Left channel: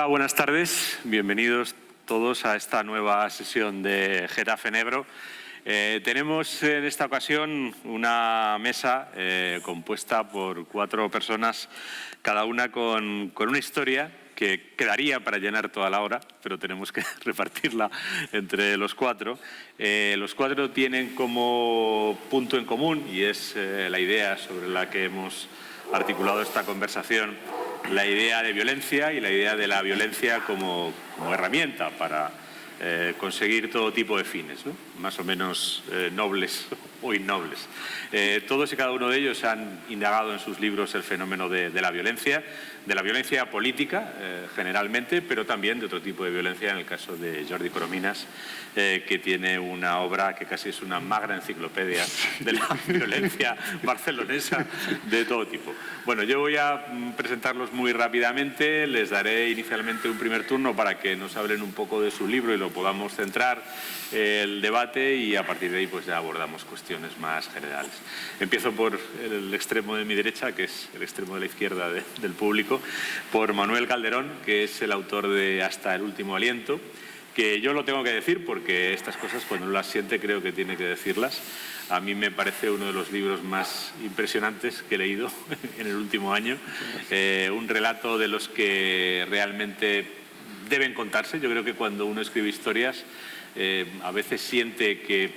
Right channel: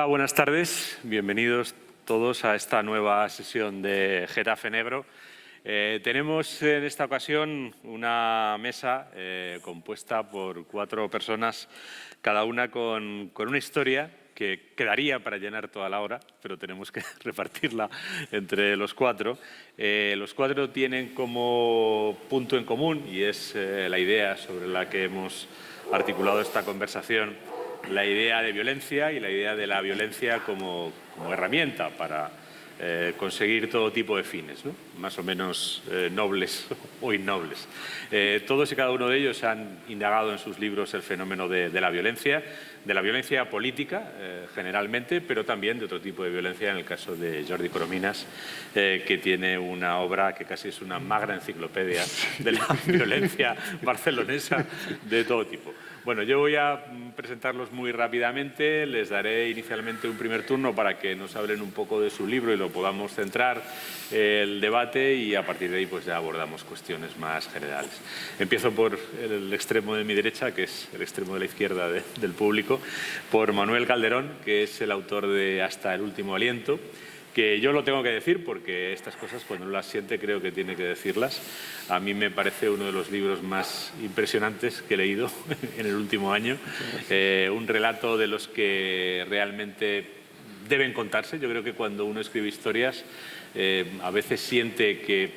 Hola, buenas tardes. Bienvenidos todos a esta nueva sesión de Getafe Negro. Tenemos en esta ocasión una mesa compuesta por 4 personas, cada una con una historia que quedaría para llenar toda la hora, pero tenemos que repartirla entre los 4. Los 4 tienen como punto en común, y es la idea sobre la que hemos articulado esta conversación, la idea de violencia y la idea de la violencia como herramienta para conseguir todo tipo de fines, ¿no? Más o menos nobles o innobles. Todos y cada uno de ellos han indagado en sus libros el fenómeno de la violencia política generalmente, pero también de otro tipo de violencia, en el caso de Jordi Corominas, que tiene una obra que casi es una magra enciclopedia de la violencia barcelonesa de todo tipo. Bueno, yo voy a presentarlos muy rápidamente, les daré inicialmente un primer turno para que nos hablen un poco de su libro y lo podamos centrar el debate, y a partir de ahí pues ya abordamos cuestiones más generales. Empiezo por el extremo de mi derecha, que es el extremo de la izquierda del público, por Manuel Calderón, que es el autor de Hasta el último aliento, que yo lo tengo que decir porque estas cosas cuando uno las siente creo que tiene que decirlas. A mí me parece uno de los libros más impresionantes que he leído en el último año. Un relato de los que realmente deben contarse. Yo creo que cuando uno escribe historias a veces siente que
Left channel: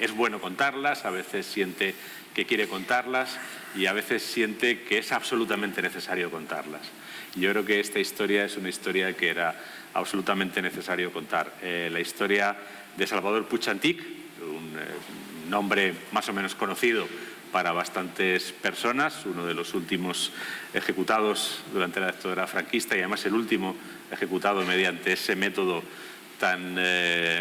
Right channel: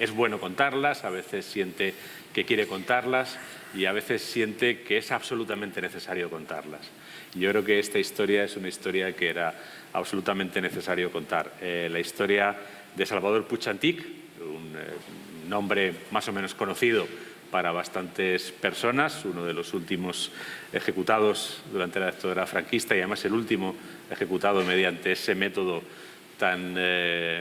es bueno contarlas, a veces siente que quiere contarlas y a veces siente que es absolutamente necesario contarlas. Y yo creo que esta historia es una historia que era absolutamente necesario contar. La historia de Salvador Puig Antich, un nombre más o menos conocido para bastantes personas, uno de los últimos ejecutados durante la dictadura franquista y además el último ejecutado mediante ese método tan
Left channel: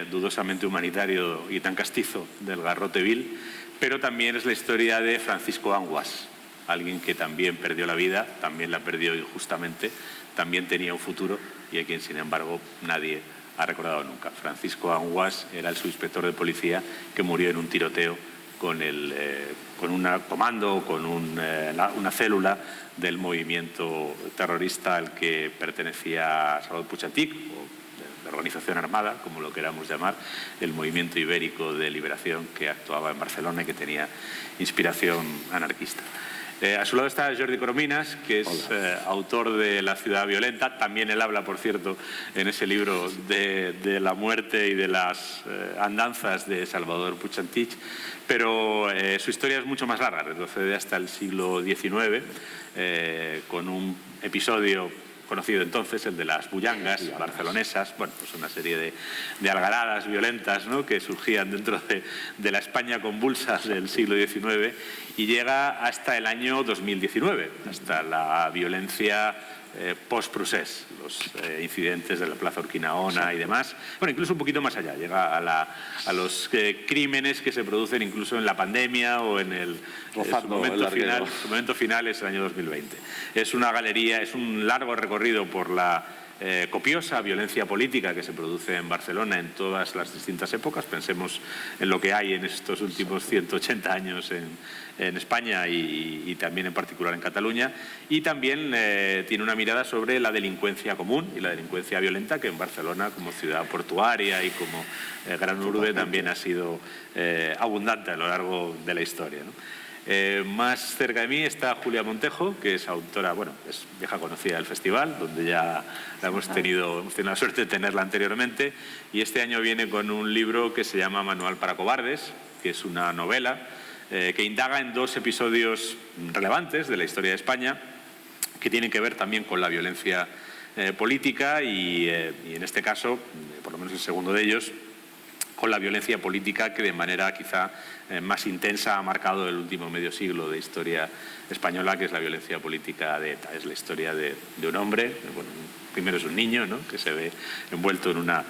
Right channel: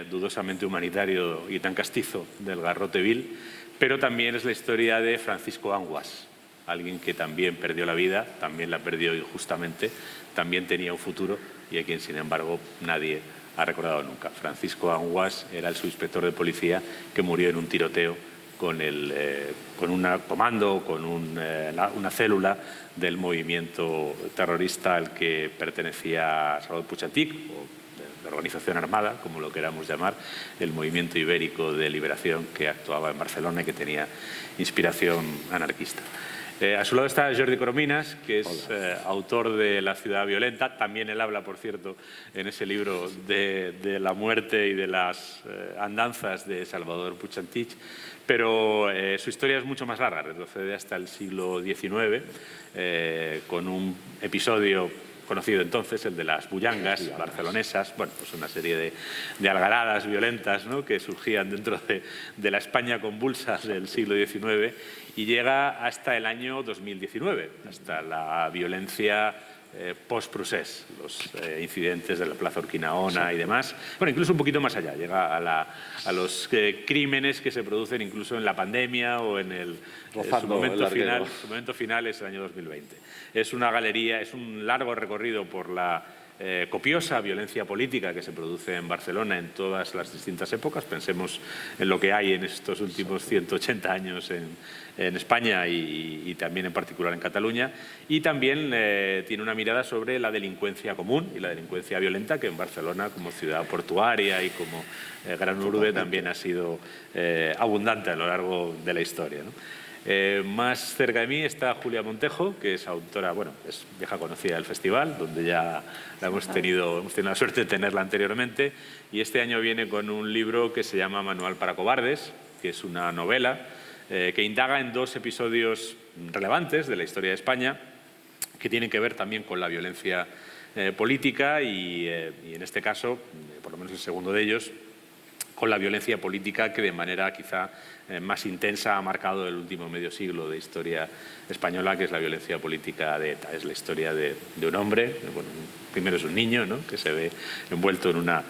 dudosamente humanitario y tan castizo del garrote vil, pero también es la historia de Francisco Anguas, alguien que también perdió la vida, también la perdió injustamente, también tenía un futuro y a quien, sin embargo, nadie ha recordado nunca. Francisco Anguas era el subinspector de policía que murió en un tiroteo con un comando, con una célula del movimiento terrorista al que pertenecía Salvador Puig Antich, o la organización armada, como lo queramos llamar, el movimiento ibérico de liberación que actuaba en Barcelona y que tenía inspiración anarquista. A su lado está Jordi Corominas, que es autor de La ciudad violenta. También él habla, por cierto, en ese libro de la muerte y de las andanzas de Salvador Puig Antich, pero su historia es mucho más larga, retrocede hasta el siglo XIX, con un episodio conocido entonces, el de las bullangas barcelonesas, bueno, pues una serie de algaradas violentas, ¿no?, que surgían dentro de la España convulsa del siglo XIX, y llega hasta el año 2019, hasta la violencia post-procés, los incidentes de la Plaza Urquinaona y demás. Bueno, incluso un poquito más allá, llega a los crímenes que se producen incluso en la pandemia o en su momento final es el año 2020. Es una galería, es un largo recorrido por la copiosa violencia política que se produce en Barcelona en todas las distintas épocas. Pensemos en lo que hay en estos últimos 180 años en España y también en particular en Cataluña, y también tiene una mirada sobre la delincuencia común y la delincuencia violenta, que en Barcelona, como ciudad portuaria y como gran urbe, también ha sido abundante a lo largo de la historia, ¿no? Más cerca de mí está Julia Montejo, que es autora, bueno, es vieja conocida del festival, donde ya hemos tenido la suerte de tenerla anteriormente, y este año viene con un libro que se llama Manual para cobardes, que es una novela que indaga en 2 episodios relevantes de la historia de España, que tienen que ver también con la violencia política y en este caso, por lo menos el segundo de ellos, con la violencia política que de manera quizá más intensa ha marcado el último medio siglo de historia española, que es la violencia política de ETA. Es la historia de un hombre, bueno, primero es un niño, ¿no?, que se ve envuelto en una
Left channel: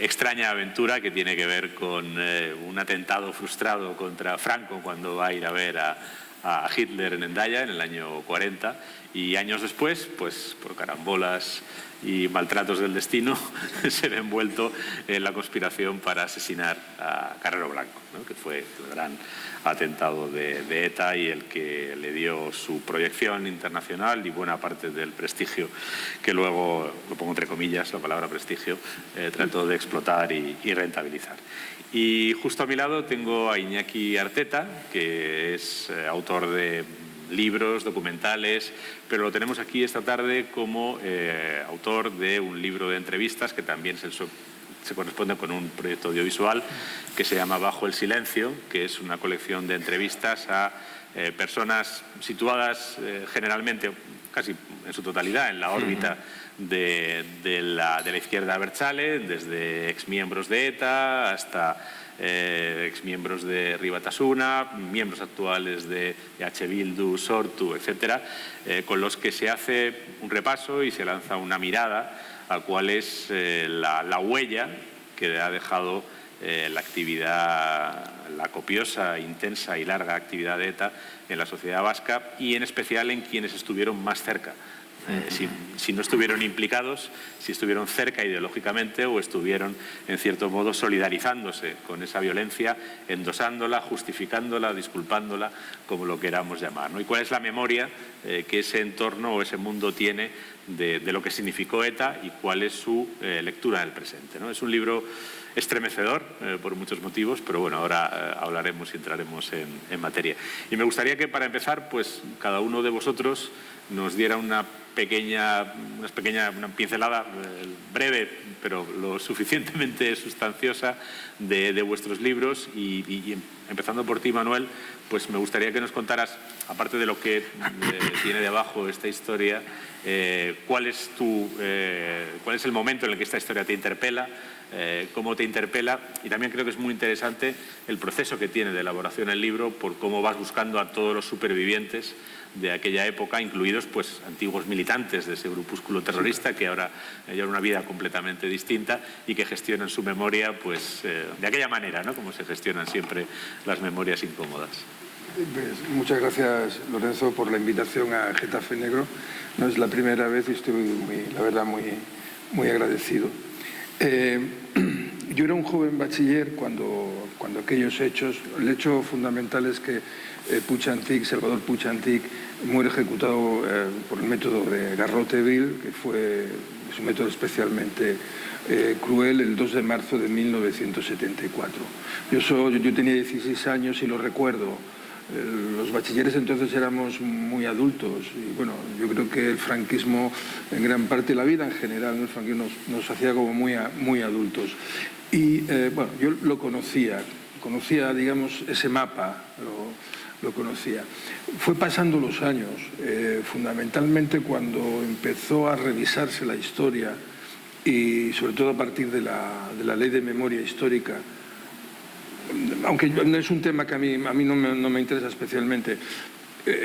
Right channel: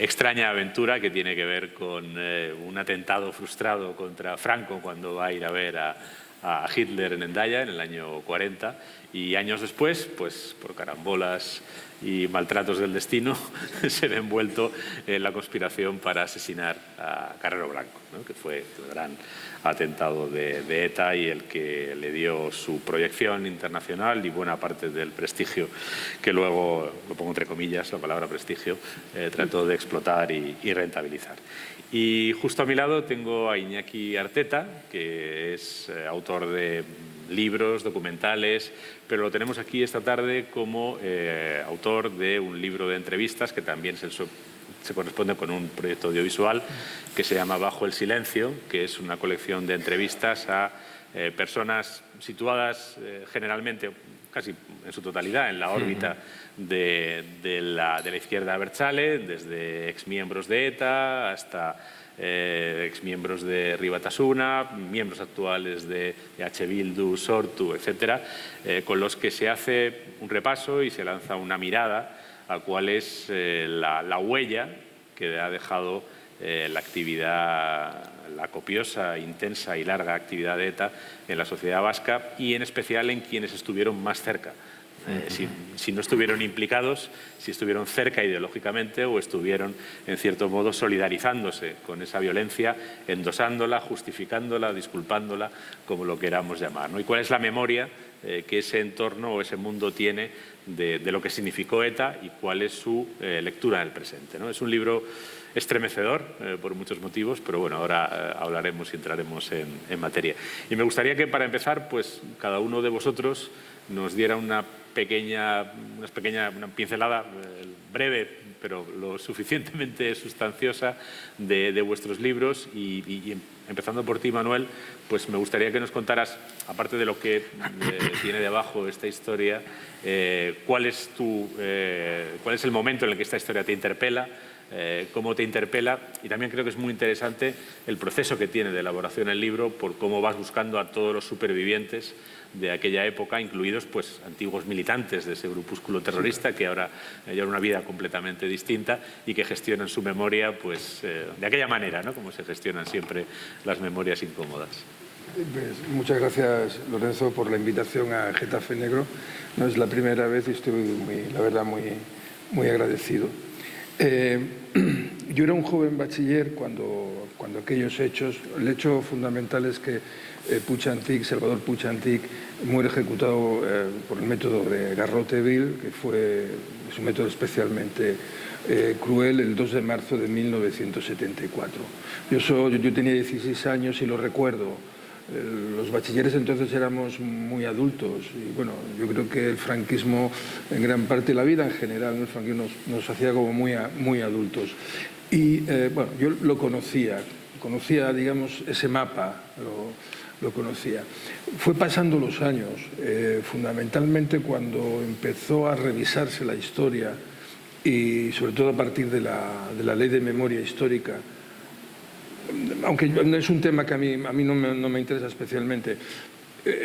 extraña aventura que tiene que ver con un atentado frustrado contra Franco cuando va a ir a ver a a Hitler en Hendaya en el año 40 y años después, pues por carambolas y maltratos del destino, se ve envuelto en la conspiración para asesinar a Carrero Blanco, ¿no? Que fue el gran atentado de ETA y el que le dio su proyección internacional y buena parte del prestigio que luego, lo pongo entre comillas, la palabra prestigio, trató de explotar y rentabilizar. Y justo a mi lado tengo a Iñaki Arteta, que es autor de libros, documentales, pero lo tenemos aquí esta tarde como autor de un libro de entrevistas que también se corresponde con un proyecto audiovisual que se llama Bajo el Silencio, que es una colección de entrevistas a personas situadas generalmente, casi en su totalidad, en la órbita de la izquierda abertzale, desde exmiembros de ETA hasta exmiembros de Riu Batasuna, miembros actuales de EH Bildu, Sortu, etcétera, con los que se hace un repaso y se lanza una mirada a cuál es la huella que ha dejado la actividad, la copiosa, intensa y larga actividad de ETA en la sociedad vasca y en especial en quienes estuvieron más cerca. Si no estuvieron implicados, si estuvieron cerca ideológicamente o estuvieron, en cierto modo, solidarizándose con esa violencia, endosándola, justificándola, disculpándola, como lo queramos llamar, ¿no? Y cuál es la memoria que ese entorno o ese mundo tiene de lo que significó ETA y cuál es su lectura del presente, ¿no? Es un libro estremecedor por muchos motivos, pero bueno, ahora hablaremos y entraremos en materia. Y me gustaría que, para empezar, pues cada uno de vosotros nos diera una pincelada breve, pero lo suficientemente sustanciosa de vuestros libros y empezando por ti, Manuel, pues me gustaría que nos contaras, aparte de lo que tiene debajo esta historia, cuál es el momento en el que esta historia te interpela, cómo te interpela, y también creo que es muy interesante el proceso que tiene de elaboración el libro por cómo vas buscando a todos los supervivientes de aquella época, incluidos pues antiguos militantes de ese grupúsculo terrorista que ahora llevan una vida completamente distinta y que gestionan su memoria pues de aquella manera, ¿no? Como se gestionan siempre las memorias incómodas. Pues, muchas gracias, Lorenzo, por la invitación a Getafe Negro. No es la primera vez y estoy, la verdad, muy agradecido. Yo era un joven bachiller cuando aquellos hechos, el hecho fundamental es que Salvador Puig Antich, muere ejecutado por el método de Garrote-Vil, que es un método especialmente cruel, el 2 de marzo de 1974. Yo tenía 16 años y lo recuerdo. Los bachilleres entonces éramos muy adultos y bueno, yo creo que el franquismo, en gran parte, la vida en general, ¿no? El franquismo nos hacía como muy adultos. Y bueno, yo lo conocía, digamos, ese mapa, lo conocía. Fue pasando los años, fundamentalmente cuando empezó a revisarse la historia y sobre todo a partir de la Ley de Memoria Histórica, aunque no es un tema que a mí no me interesa especialmente.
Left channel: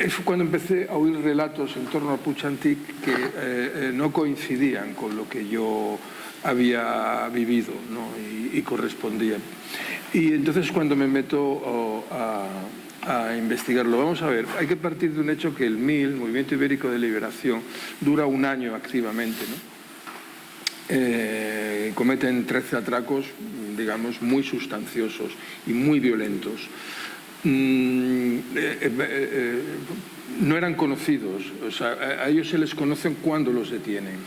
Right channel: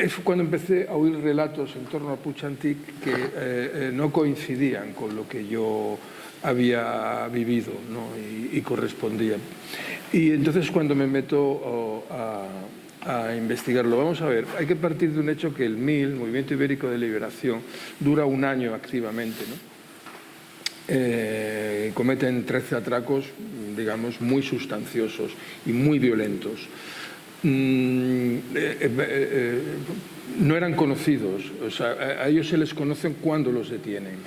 Fue cuando empecé a oír relatos en torno a Puig Antich que no coincidían con lo que yo había vivido, ¿no? y correspondían. Y entonces cuando me meto a investigarlo, vamos a ver, hay que partir de un hecho que el MIL, Movimiento Ibérico de Liberación, dura un año activamente, ¿no? Cometen 13 atracos, digamos, muy sustanciosos y muy violentos. No eran conocidos, o sea, a ellos se les conocen cuando los detienen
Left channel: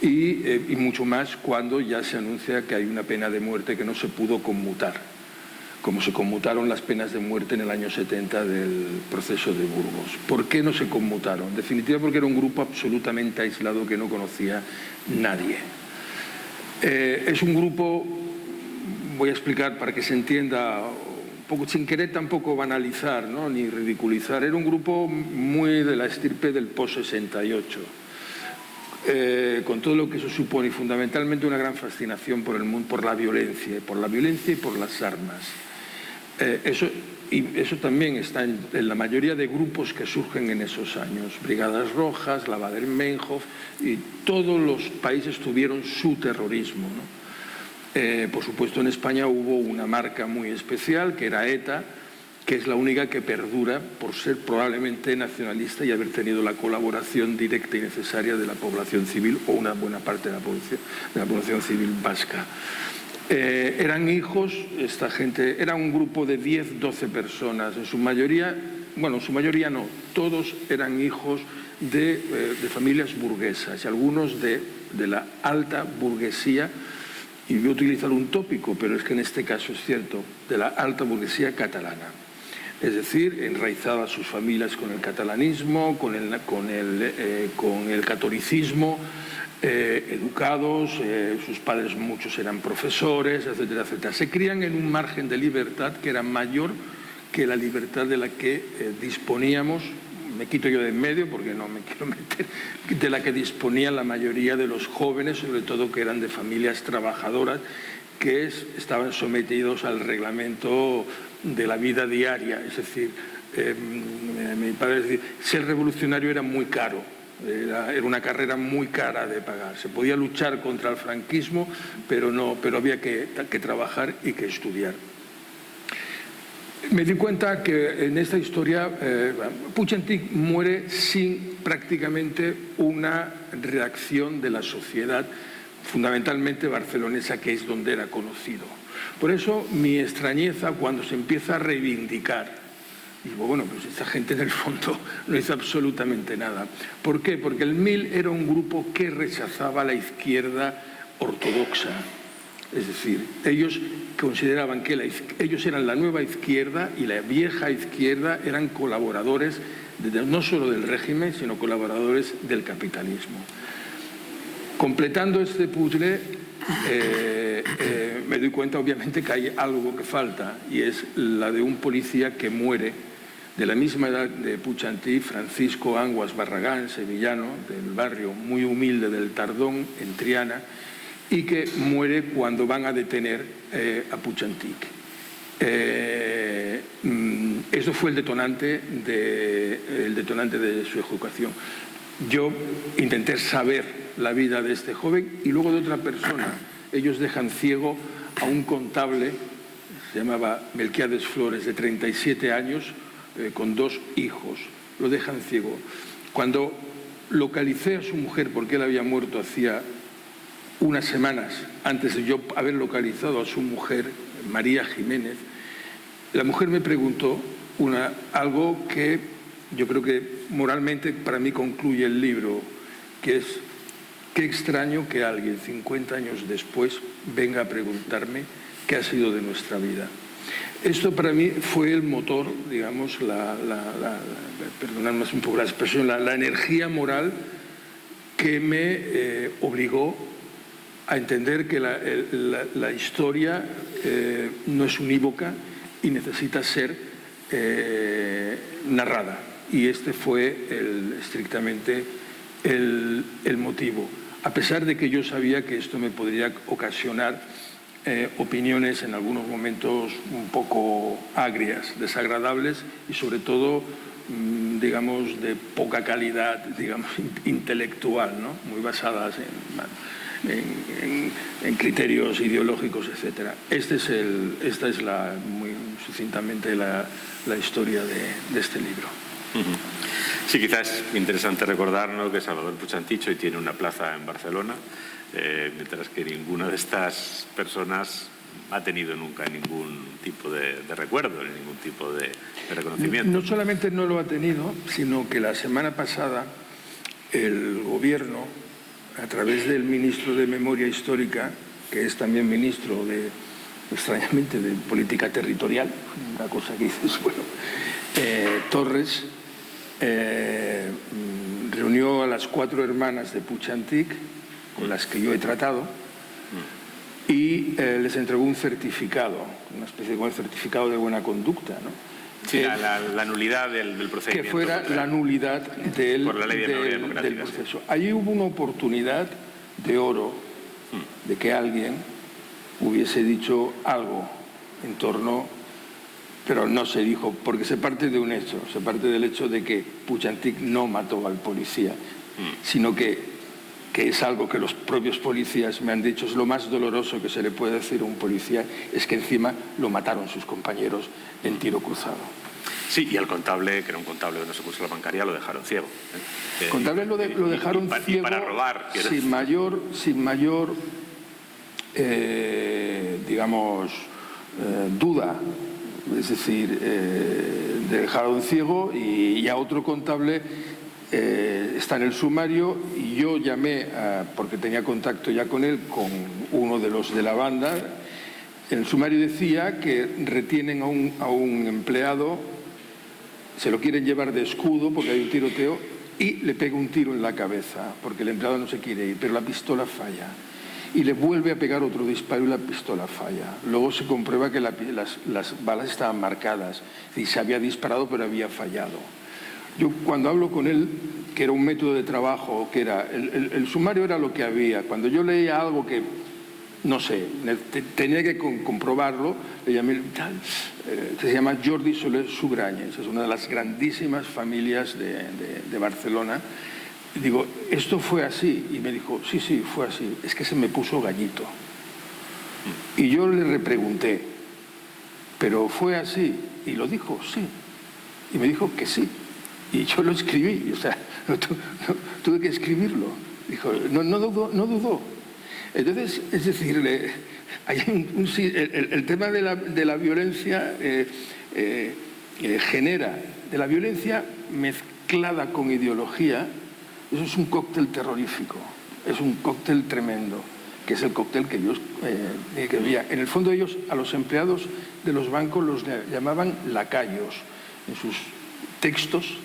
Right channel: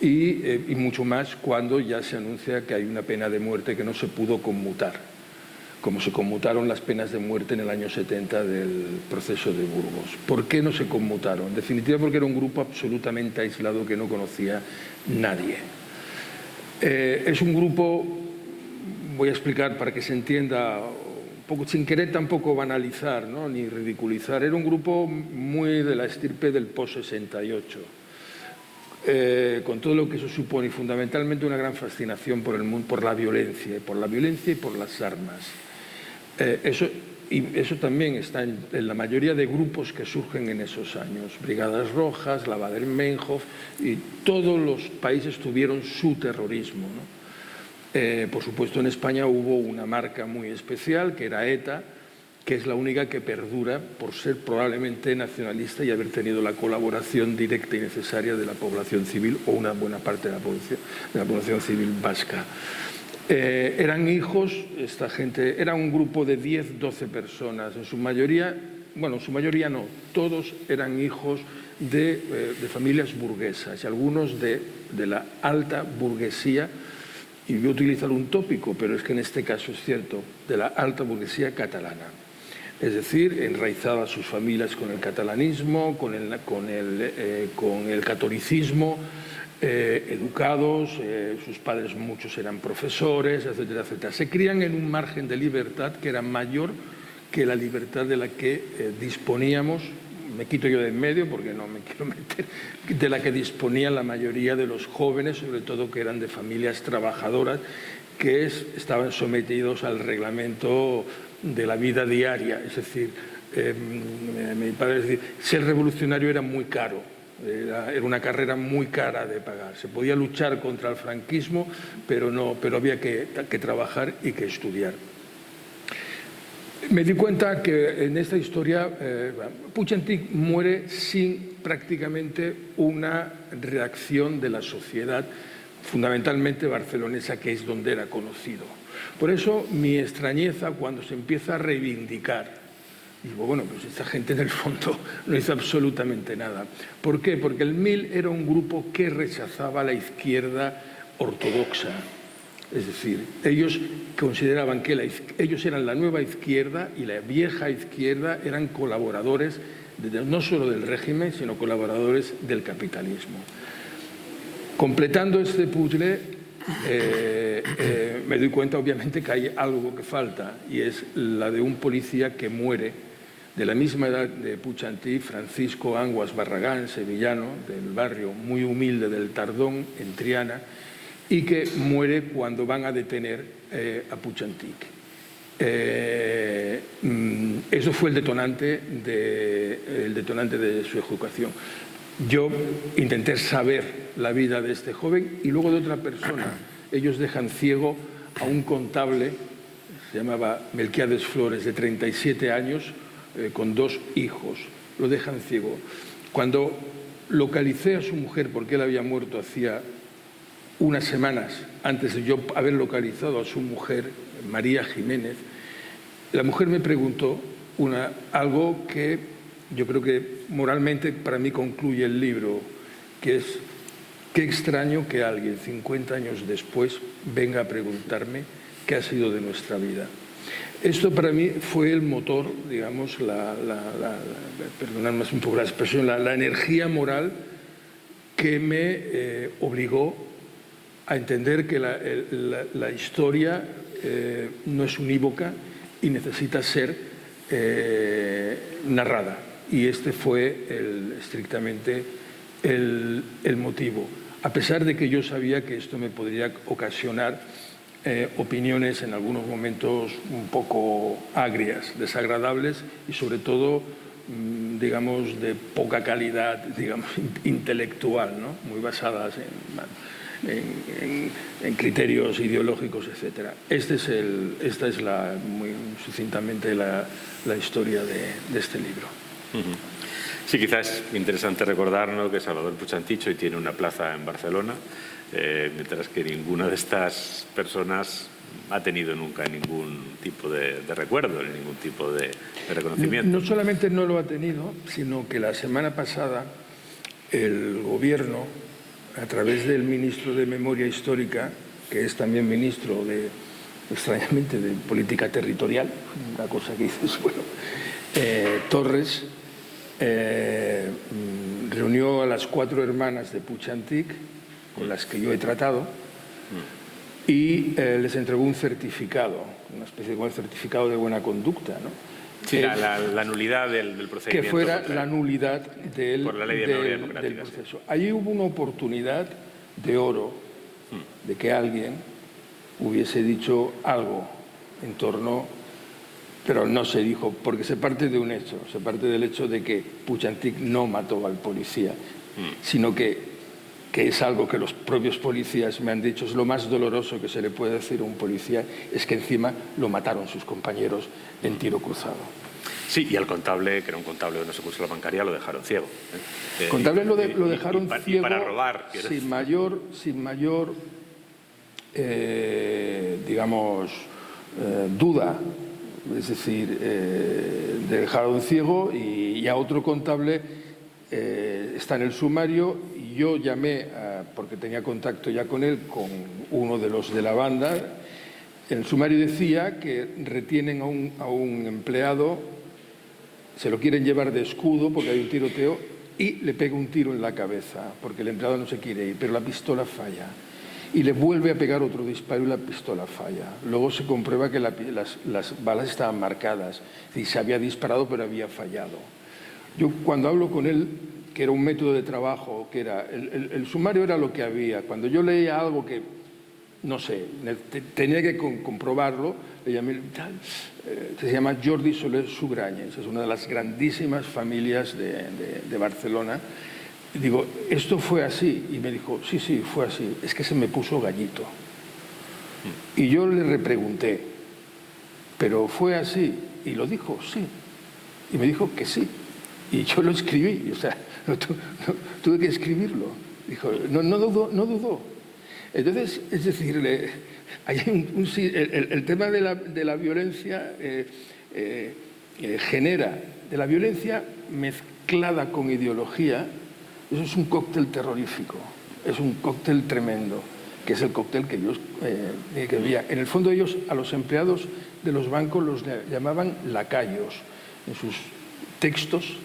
y mucho más cuando ya se anuncia que hay una pena de muerte que no se pudo conmutar, como se conmutaron las penas de muerte en el año 70 del proceso de Burgos. ¿Por qué no se conmutaron? En definitiva, porque era un grupo absolutamente aislado que no conocía nadie. Es un grupo, voy a explicar para que se entienda, un poco, sin querer tampoco banalizar, ¿no? Ni ridiculizar, era un grupo muy de la estirpe del post-68. Con todo lo que eso supone y fundamentalmente una gran fascinación por la violencia y por las armas. Eso también está en la mayoría de grupos que surgen en esos años. Brigadas Rojas, la Baader-Meinhof, y todos los países tuvieron su terrorismo, ¿no? Por supuesto, en España hubo una marca muy especial, que era ETA, que es la única que perdura por ser probablemente nacionalista y haber tenido la colaboración directa y necesaria de la población civil o una buena parte de la población civil vasca. Eran hijos, esta gente, era un grupo de 10, 12 personas, en su mayoría, bueno, en su mayoría no, todos eran hijos de familias burguesas y algunos de la alta burguesía, y voy a utilizar un tópico, pero es que en este caso es cierto, de la alta burguesía catalana. Es decir, enraizadas sus familias con el catalanismo, con el catolicismo, educados, sus padres muchos eran profesores, etcétera, etcétera. Se crían en un margen de libertad que era mayor que la libertad de la que disponíamos, me quito yo de en medio porque no me quiero meter, de la que disponía la mayoría de los jóvenes, sobre todo que eran de familias trabajadoras, que estaban sometidos al reglamento de la vida diaria. Es decir, mi padre decía, ser revolucionario era muy caro, era una carrera muy cara de pagar. Se podía luchar contra el franquismo, pero había que trabajar y que estudiar. Me di cuenta que en esta historia Puig-Antich muere sin prácticamente una reacción de la sociedad, fundamentalmente barcelonesa, que es donde era conocido. Por eso mi extrañeza cuando se empieza a reivindicar. Digo, bueno, pues esta gente en el fondo no hizo absolutamente nada. ¿Por qué? Porque el MIL era un grupo que rechazaba la izquierda ortodoxa. Es decir, ellos consideraban que ellos eran la nueva izquierda y la vieja izquierda eran colaboradores no solo del régimen, sino colaboradores del capitalismo. Completando este puzzle, me doy cuenta obviamente que hay algo que falta, y es la de un policía que muere de la misma edad de Puig-Antich, Francisco Anguas Barragán, sevillano, del barrio muy humilde del Tardón, en Triana, y que muere cuando van a detener a Puig-Antich. Eso fue el detonante de su ejecución. Yo intenté saber la vida de este joven y luego de otra persona. Ellos dejan ciego a un contable, se llamaba Melquiades Flores, de 37 años, con 2 hijos. Lo dejan ciego. Cuando localicé a su mujer, porque él había muerto hacía unas semanas antes de yo haber localizado a su mujer, María Jiménez, la mujer me preguntó algo que yo creo que moralmente para mí concluye el libro, que es: qué extraño que alguien 50 años después venga a preguntarme qué ha sido de nuestra vida. Esto para mí fue el motor, digamos, perdonadme un poco la expresión, la energía moral que me obligó a entender que la historia no es unívoca y necesita ser narrada. Y este fue estrictamente el motivo. A pesar de que yo sabía que esto me podría ocasionar opiniones en algunos momentos un poco agrias, desagradables y sobre todo, digamos, de poca calidad, digamos, intelectual, ¿no? Muy basadas en criterios ideológicos, etc. Esta es muy sucintamente la historia de este libro. Sí, quizás es interesante recordar, ¿no?, que Salvador Puig-Antich hoy tiene una plaza en Barcelona, mientras que ninguna de estas personas ha tenido nunca ningún tipo de recuerdo, ningún tipo de reconocimiento. No solamente no lo ha tenido, sino que la semana pasada el gobierno, a través del ministro de Memoria Histórica, que es también ministro extrañamente, de Política Territorial, una cosa que dices, bueno, Torres, reunió a las 4 hermanas de Puig-Antich, con las que yo he tratado, y les entregó un certificado, una especie de certificado de buena conducta, ¿no? Sí, la nulidad del procedimiento. Que fuera la nulidad por la ley de memoria democrática, del proceso. Allí hubo una oportunidad de oro de que alguien hubiese dicho algo en torno, pero no se dijo, porque se parte de un hecho, se parte del hecho de que Puig-Antich no mató al policía, sino que que es algo que los propios policías me han dicho, es lo más doloroso que se le puede decir a un policía, es que encima lo mataron sus compañeros en tiro cruzado. Sí, y al contable, que era un contable de no sé cómo la bancaria, lo dejaron ciego. El contable lo dejaron ciego para robar. Sin mayor digamos, duda. Es decir, dejaron ciego y a otro contable está en el sumario, y yo llamé, porque tenía contacto ya con él, con uno de los de la banda. En el sumario decía que retienen a un empleado, se lo quieren llevar de escudo porque hay un tiroteo, y le pega un tiro en la cabeza porque el empleado no se quiere ir, pero la pistola falla. Y le vuelve a pegar otro disparo y la pistola falla. Luego se comprueba que las balas estaban marcadas y se había disparado pero había fallado. Yo cuando hablo con él, que era un método de trabajo, que era el sumario era lo que había. Cuando yo leía algo que, no sé, tenía que comprobarlo, le llamé tal, que se llama Jordi Soler Sugrañes, es una de las grandísimas familias de Barcelona. Y digo, ¿esto fue así? Y me dijo, sí, fue así. Es que se me puso gallito. Y yo le repregunté, ¿pero fue así? Y lo dijo, sí. Y me dijo que sí. Y yo lo escribí, o sea, tuve que escribirlo. Dijo, no dudó. Entonces, es decir, hay el tema de la violencia genera, de la violencia mezclada con ideología. Eso es un cóctel terrorífico, es un cóctel tremendo, que es el cóctel que ellos querían. En el fondo ellos a los empleados de los bancos los llamaban lacayos. En sus textos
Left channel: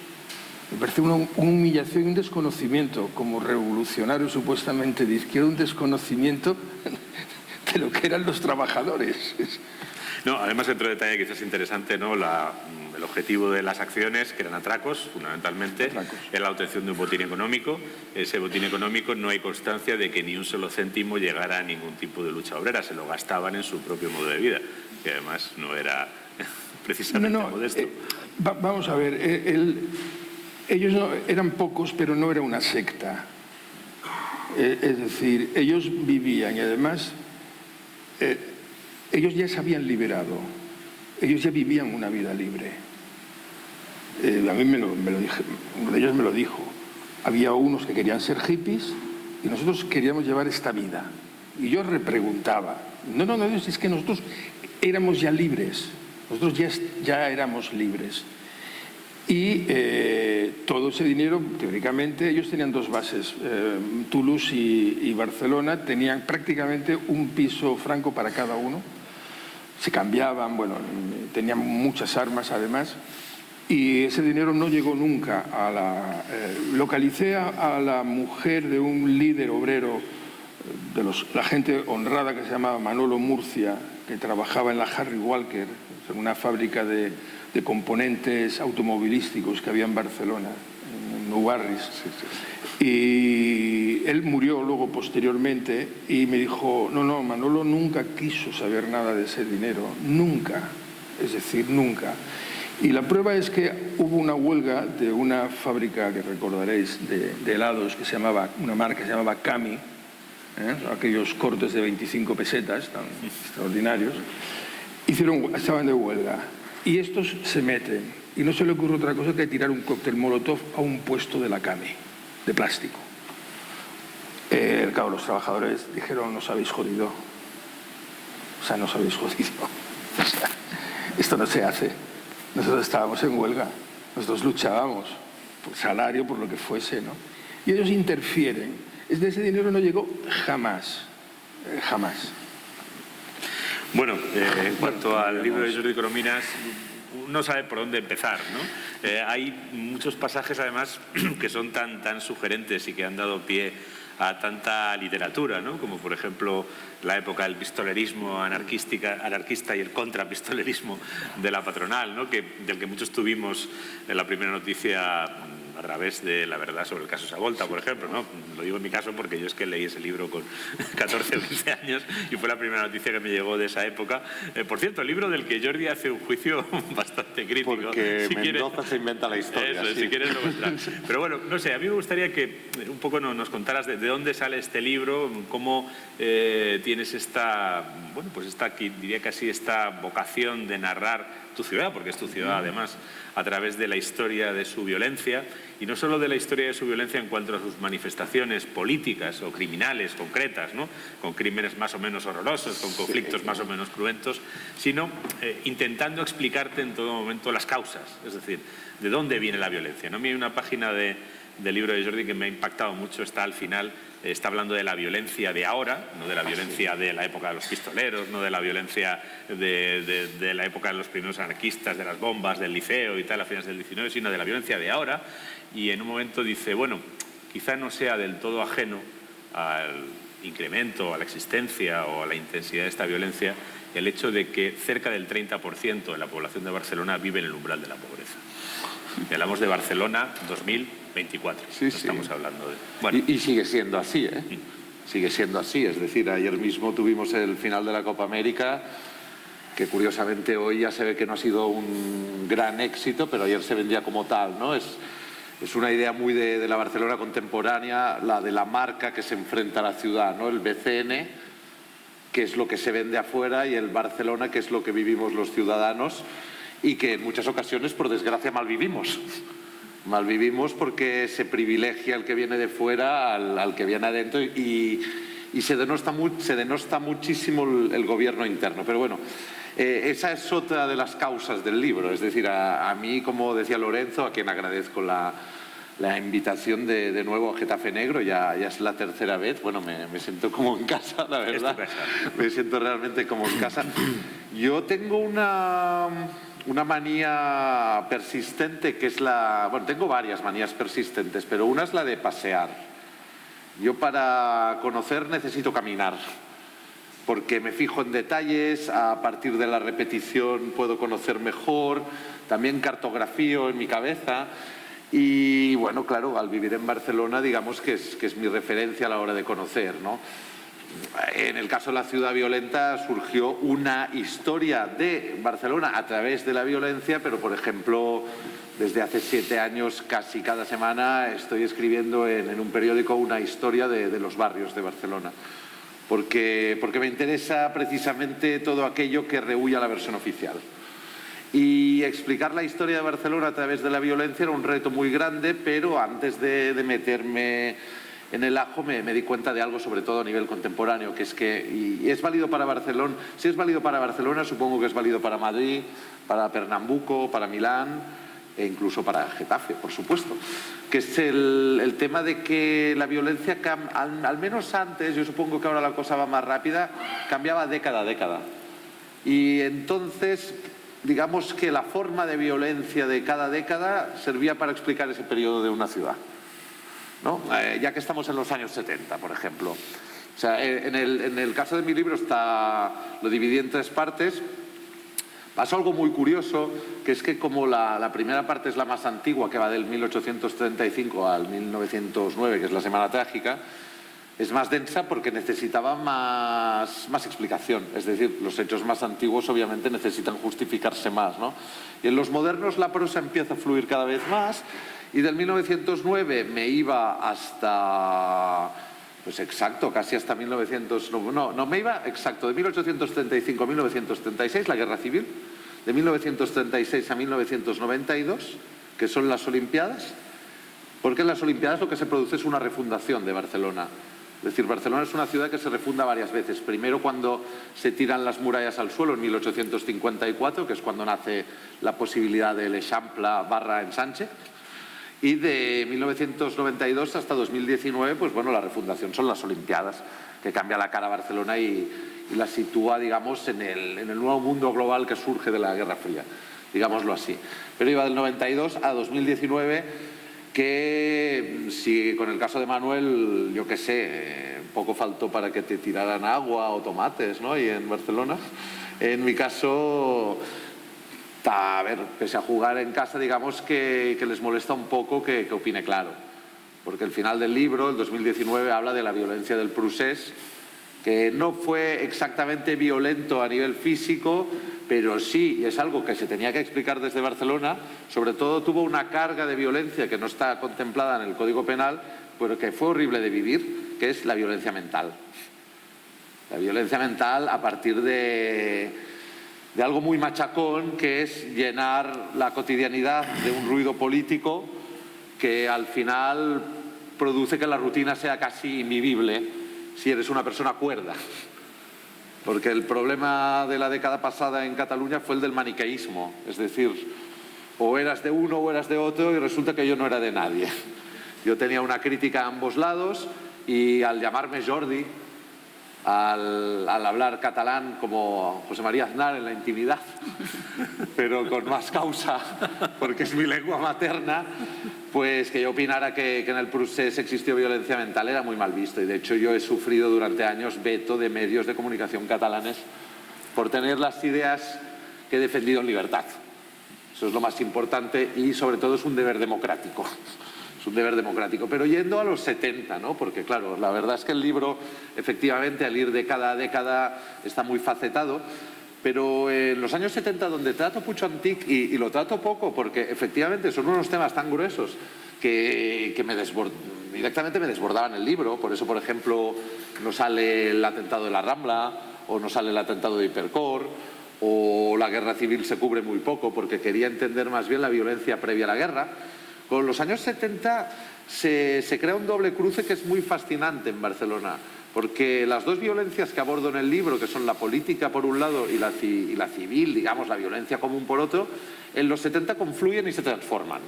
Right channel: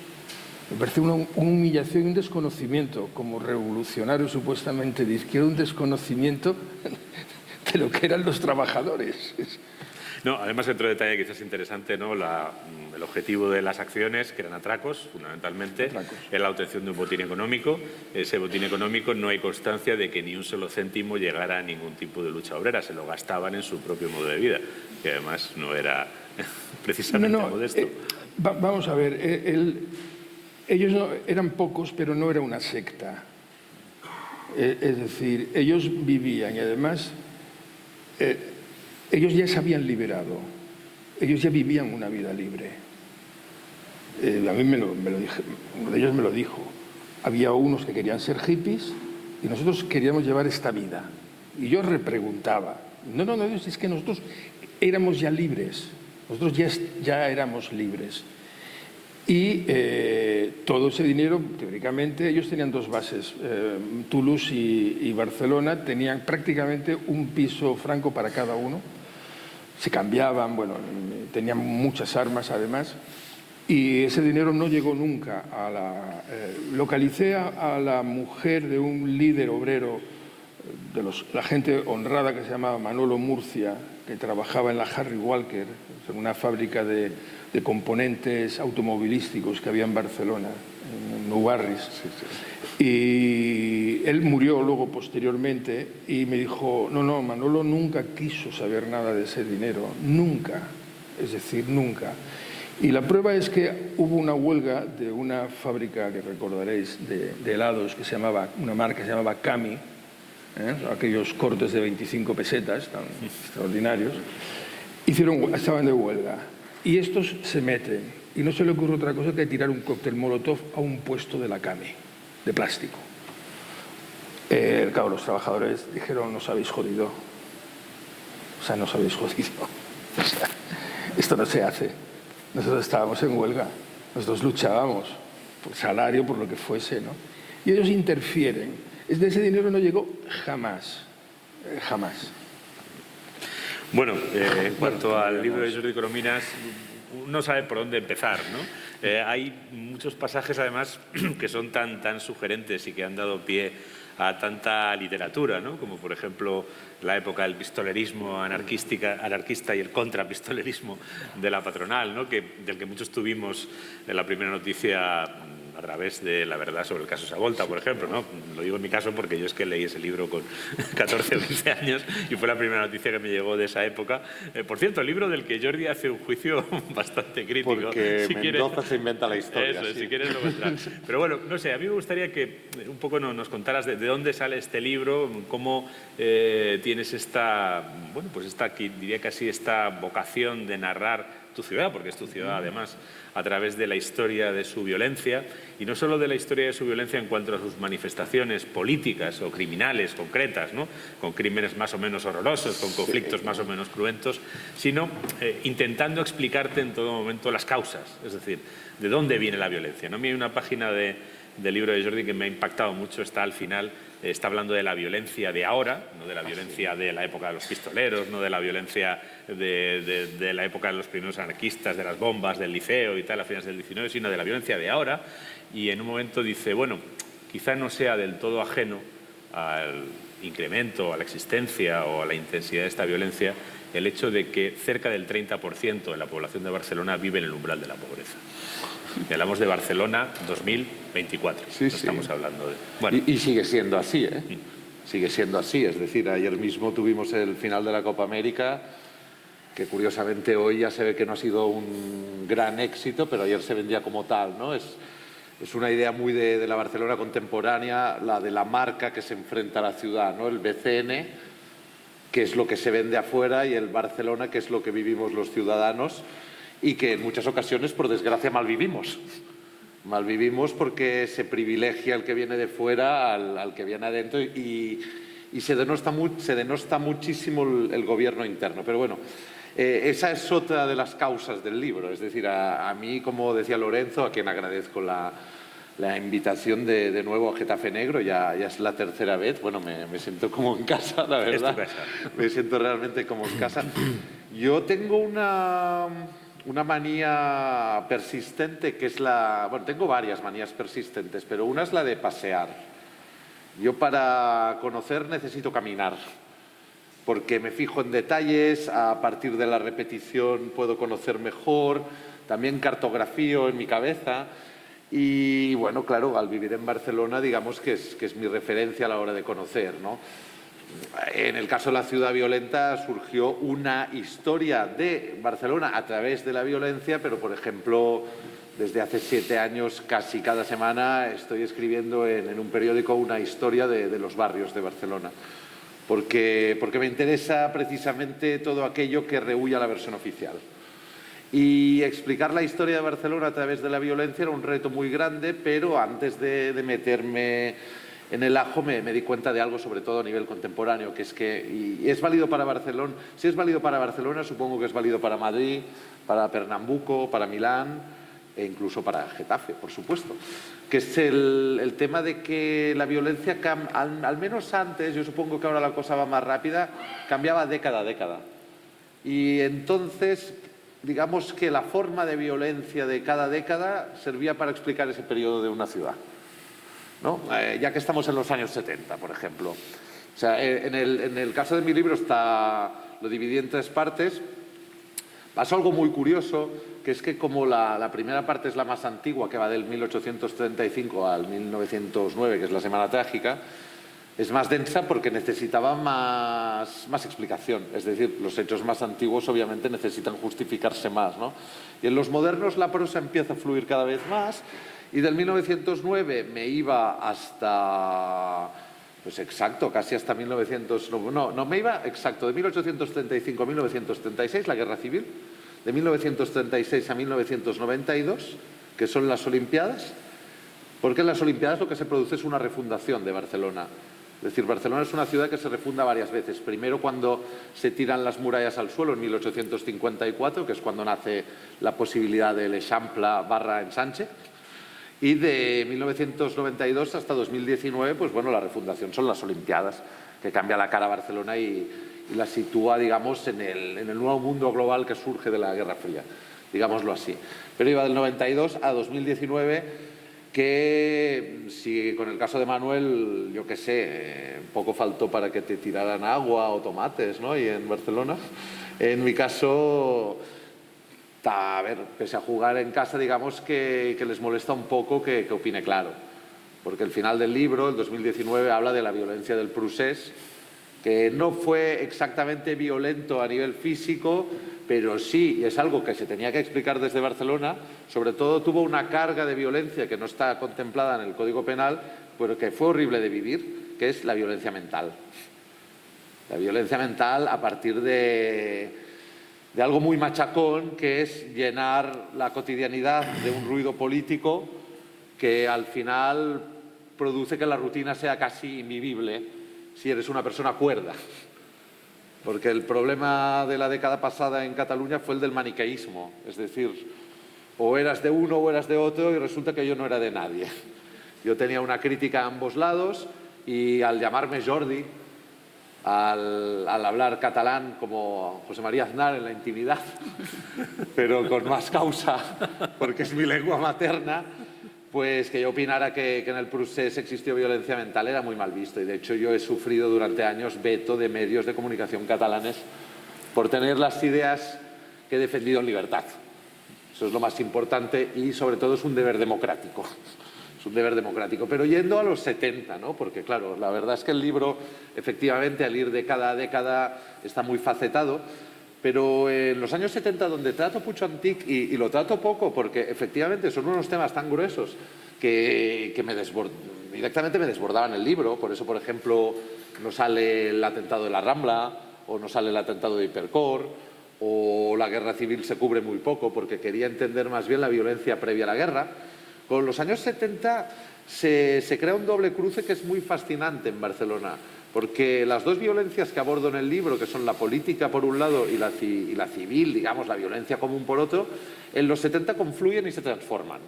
me parece una humillación y un desconocimiento, como revolucionario supuestamente de izquierda, un desconocimiento de lo que eran los trabajadores. No, además, otro detalle que quizás es interesante, ¿no? El objetivo de las acciones, que eran atracos, fundamentalmente, es la obtención de un botín económico. Ese botín económico no hay constancia de que ni un solo céntimo llegara a ningún tipo de lucha obrera. Se lo gastaban en su propio modo de vida, que además no era precisamente modesto. Vamos a ver, ellos eran pocos, pero no era una secta. Es decir, ellos vivían y además ellos ya se habían liberado, ellos ya vivían una vida libre. A mí me lo dije, uno de ellos me lo dijo. Había unos que querían ser hippies y nosotros queríamos llevar esta vida. Y yo repreguntaba, no, es que nosotros éramos ya libres, nosotros ya éramos libres. Y todo ese dinero, teóricamente, ellos tenían dos bases, Toulouse y Barcelona, tenían prácticamente un piso franco para cada uno. Se cambiaban, bueno, tenían muchas armas además, y ese dinero no llegó nunca a la... localicé a la mujer de un líder obrero, la gente honrada que se llamaba Manolo Murcia, que trabajaba en la Harry Walker, en una fábrica de componentes automovilísticos que había en Barcelona, en Ubarris. Y él murió luego posteriormente y me dijo, no, Manolo nunca quiso saber nada de ese dinero, nunca, es decir, nunca. Y la prueba es que hubo una huelga de una fábrica que recordaréis de helados que se llamaba, una marca que se llamaba Cami, aquellos cortes de 25 pesetas tan extraordinarios, estaban de huelga. Y estos se meten y no se le ocurre otra cosa que tirar un cóctel molotov a un puesto de la Cami, de plástico. Claro, los trabajadores dijeron, nos habéis jodido. O sea, nos habéis jodido. O sea, esto no se hace. Nosotros estábamos en huelga, nosotros luchábamos por salario, por lo que fuese, ¿no? Y ellos interfieren. Ese dinero no llegó jamás, jamás. Bueno, en cuanto al libro de Jordi Corominas, no sabe por dónde empezar, ¿no? Hay muchos pasajes, además, que son tan sugerentes y que han dado pie a tanta literatura, ¿no? Como, por ejemplo, la época del pistolerismo anarquista y el contrapistolerismo de la patronal, ¿no? Del que muchos tuvimos en la primera noticia a través de la verdad sobre el caso Savolta, por ejemplo, ¿no? Lo digo en mi caso porque yo es que leí ese libro con 14 o 15 años y fue la primera noticia que me llegó de esa época. Por cierto, el libro del que Jordi hace un juicio bastante crítico. Porque si Mendoza se inventa la historia. Eso, sí. si quieres lo muestras. Pero bueno, no sé, a mí me gustaría que un poco nos contaras de dónde sale este libro, cómo tienes esta, bueno, pues esta, diría casi esta vocación de narrar tu ciudad, porque es tu ciudad además, a través de la historia de su violencia, y no solo de la historia de su violencia en cuanto a sus manifestaciones políticas o criminales concretas, ¿no? Con crímenes más o menos horrorosos, con conflictos más o menos cruentos, sino intentando explicarte en todo momento las causas, es decir, de dónde viene la violencia, ¿no? A mí una página del libro de Jordi que me ha impactado mucho está al final, está hablando de la violencia de ahora, no de la violencia de la época de los pistoleros, no de la violencia de la época de los primeros anarquistas, de las bombas, del liceo y tal, a finales del 19, sino de la violencia de ahora. Y en un momento dice, bueno, quizá no sea del todo ajeno al incremento, a la existencia o a la intensidad de esta violencia el hecho de que cerca del 30% de la población de Barcelona vive en el umbral de la pobreza. Y hablamos de Barcelona 2024. Sí, no estamos hablando de... Bueno. Y sigue siendo así, ¿eh? Sigue siendo así. Es decir, ayer mismo tuvimos el final de la Copa América, que curiosamente hoy ya se ve que no ha sido un gran éxito, pero ayer se vendía como tal, ¿no? Es una idea muy de la Barcelona contemporánea, la de la marca que se enfrenta a la ciudad, ¿no? El BCN, que es lo que se vende afuera, y el Barcelona, que es lo que vivimos los ciudadanos, y que en muchas ocasiones, por desgracia, malvivimos. Malvivimos porque se privilegia al que viene de fuera al que viene adentro y se denosta muchísimo el gobierno interno. Pero bueno, esa es otra de las causas del libro. Es decir, a mí, como decía Lorenzo, a quien agradezco la invitación de nuevo a Getafe Negro, ya es la tercera vez. Bueno, me siento como en casa, la verdad. Me siento realmente como en casa. Yo tengo una manía persistente que es bueno, tengo varias manías persistentes, pero una es la de pasear. Yo para conocer necesito caminar, porque me fijo en detalles, a partir de la repetición puedo conocer mejor, también cartografío en mi cabeza y bueno, claro, al vivir en Barcelona digamos que es mi referencia a la hora de conocer, ¿no? En el caso de la ciudad violenta surgió una historia de Barcelona a través de la violencia, pero por ejemplo, desde hace 7 años casi cada semana estoy escribiendo en un periódico una historia de los barrios de Barcelona, porque me interesa precisamente todo aquello que rehúye a la versión oficial. Y explicar la historia de Barcelona a través de la violencia era un reto muy grande, pero antes de meterme en el ajo me di cuenta de algo, sobre todo a nivel contemporáneo, que es que, y es válido para Barcelona, si es válido para Barcelona, supongo que es válido para Madrid, para Pernambuco, para Milán e incluso para Getafe, por supuesto, que es el tema de que la violencia, al menos antes, yo supongo que ahora la cosa va más rápida, cambiaba década a década. Y entonces, digamos que la forma de violencia de cada década servía para explicar ese periodo de una ciudad, ¿no? Ya que estamos en los años 70, por ejemplo. O sea, en el caso de mi libro lo dividí en 3 partes. Pasó algo muy curioso, que es que como la primera parte es la más antigua, que va del 1835 al 1909, que es la Semana Trágica, es más densa porque necesitaba más explicación. Es decir, los hechos más antiguos obviamente necesitan justificarse más, ¿no? Y en los modernos la prosa empieza a fluir cada vez más. Y del 1909 me iba hasta, pues exacto, casi hasta 1900, no me iba exacto, de 1835 a 1936, la Guerra Civil, de 1936 a 1992, que son las Olimpiadas, porque en las Olimpiadas lo que se produce es una refundación de Barcelona. Es decir, Barcelona es una ciudad que se refunda varias veces. Primero cuando se tiran las murallas al suelo en 1854, que es cuando nace la posibilidad del Eixample/Ensanche. Y de 1992 hasta 2019, pues bueno, la refundación son las Olimpiadas, que cambia la cara a Barcelona y la sitúa, digamos, en el nuevo mundo global que surge de la Guerra Fría, digámoslo así. Pero iba del 92 a 2019, que si con el caso de Manuel, yo qué sé, poco faltó para que te tiraran agua o tomates, ¿no? Y en Barcelona, en mi caso, a ver, pese a jugar en casa, digamos que les molesta un poco que opine claro. Porque el final del libro, el 2019, habla de la violencia del procés, que no fue exactamente violento a nivel físico, pero sí es algo que se tenía que explicar desde Barcelona. Sobre todo tuvo una carga de violencia que no está contemplada en el Código Penal, pero que fue horrible de vivir, que es la violencia mental. La violencia mental a partir de algo muy machacón, que es llenar la cotidianidad de un ruido político que al final produce que la rutina sea casi invivible si eres una persona cuerda. Porque el problema de la década pasada en Cataluña fue el del maniqueísmo, es decir, o eras de uno o eras de otro, y resulta que yo no era de nadie. Yo tenía una crítica a ambos lados, y al llamarme Jordi, al hablar catalán como José María Aznar en la intimidad, pero con más causa, porque es mi lengua materna, pues que yo opinara que en el procés existió violencia mental era muy mal visto. Y de hecho yo he sufrido durante años veto de medios de comunicación catalanes por tener las ideas que he defendido en libertad. Eso es lo más importante, y sobre todo es un deber democrático. Es un deber democrático. Pero yendo a los 70, ¿no? Porque claro, la verdad es que el libro, efectivamente, al ir de cada década, está muy facetado. Pero en los años 70, donde trato Puig Antich, y lo trato poco, porque efectivamente son unos temas tan gruesos que directamente me desbordaban el libro. Por eso, por ejemplo, no sale el atentado de la Rambla, o no sale el atentado de Hipercor, o la guerra civil se cubre muy poco, porque quería entender más bien la violencia previa a la guerra. Con los años 70 se crea un doble cruce que es muy fascinante en Barcelona, porque las dos violencias que abordo en el libro, que son la política por un lado y la civil, digamos, la violencia común por otro, en los 70 confluyen y se transforman.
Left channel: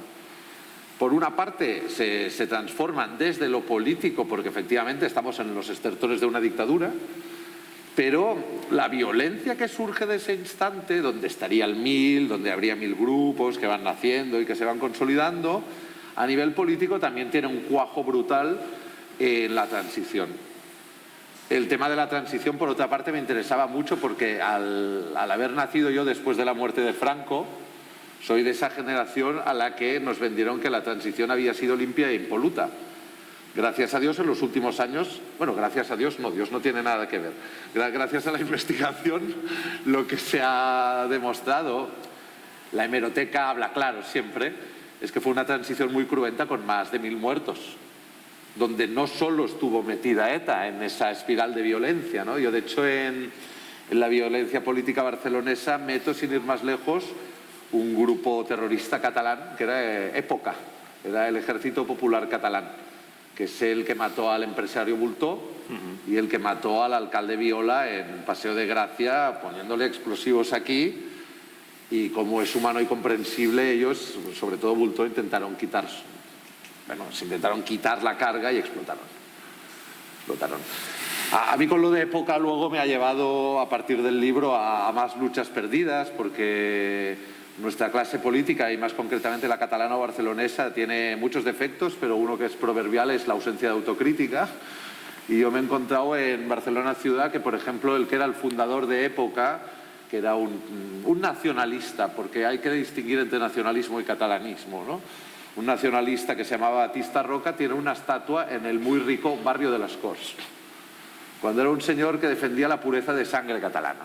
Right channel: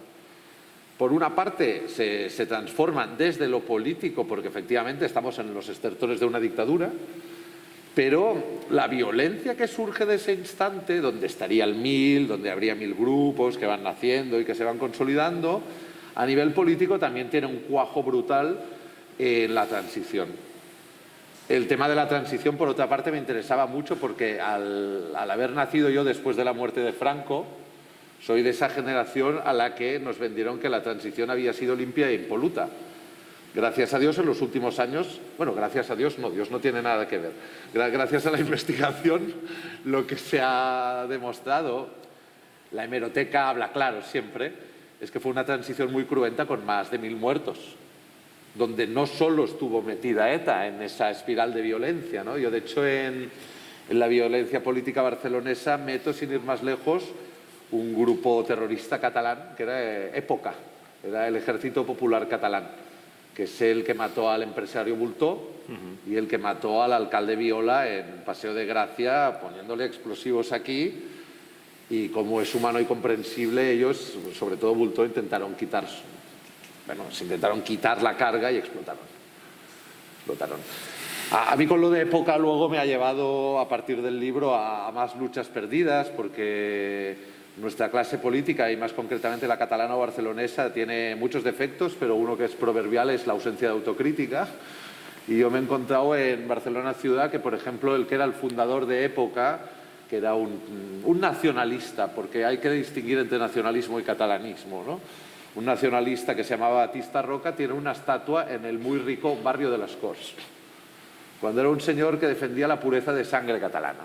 Por una parte, se transforman desde lo político, porque efectivamente estamos en los estertores de una dictadura, pero la violencia que surge de ese instante, donde estaría el 1000, donde habría 1000 grupos que van naciendo y que se van consolidando, a nivel político también tiene un cuajo brutal en la transición. El tema de la transición, por otra parte, me interesaba mucho porque al haber nacido yo después de la muerte de Franco, soy de esa generación a la que nos vendieron que la transición había sido limpia e impoluta. Gracias a Dios, en los últimos años, bueno, gracias a Dios no, Dios no tiene nada que ver. Gracias a la investigación, lo que se ha demostrado, la hemeroteca habla claro siempre, es que fue una transición muy cruenta con más de 1000 muertos, donde no solo estuvo metida ETA en esa espiral de violencia, ¿no? Yo, de hecho, en la violencia política barcelonesa meto, sin ir más lejos, un grupo terrorista catalán que era Época, era el Ejército Popular Catalán, que es el que mató al empresario Multó y el que mató al alcalde Viola en Paseo de Gracia poniéndole explosivos aquí, y como es humano y comprensible, ellos, sobre todo Multó, intentaron quitar la carga y explotaron. A mí con lo de Época luego me ha llevado, a partir del libro, a más luchas perdidas, porque nuestra clase política, y más concretamente la catalana o barcelonesa, tiene muchos defectos, pero uno que es proverbial es la ausencia de autocrítica. Y yo me he encontrado en Barcelona ciudad que, por ejemplo, el que era el fundador de Época, que era un nacionalista, porque hay que distinguir entre nacionalismo y catalanismo, ¿no? Un nacionalista que se llamaba Batista Roca tiene una estatua en el muy rico barrio de las Corts, cuando era un señor que defendía la pureza de sangre catalana.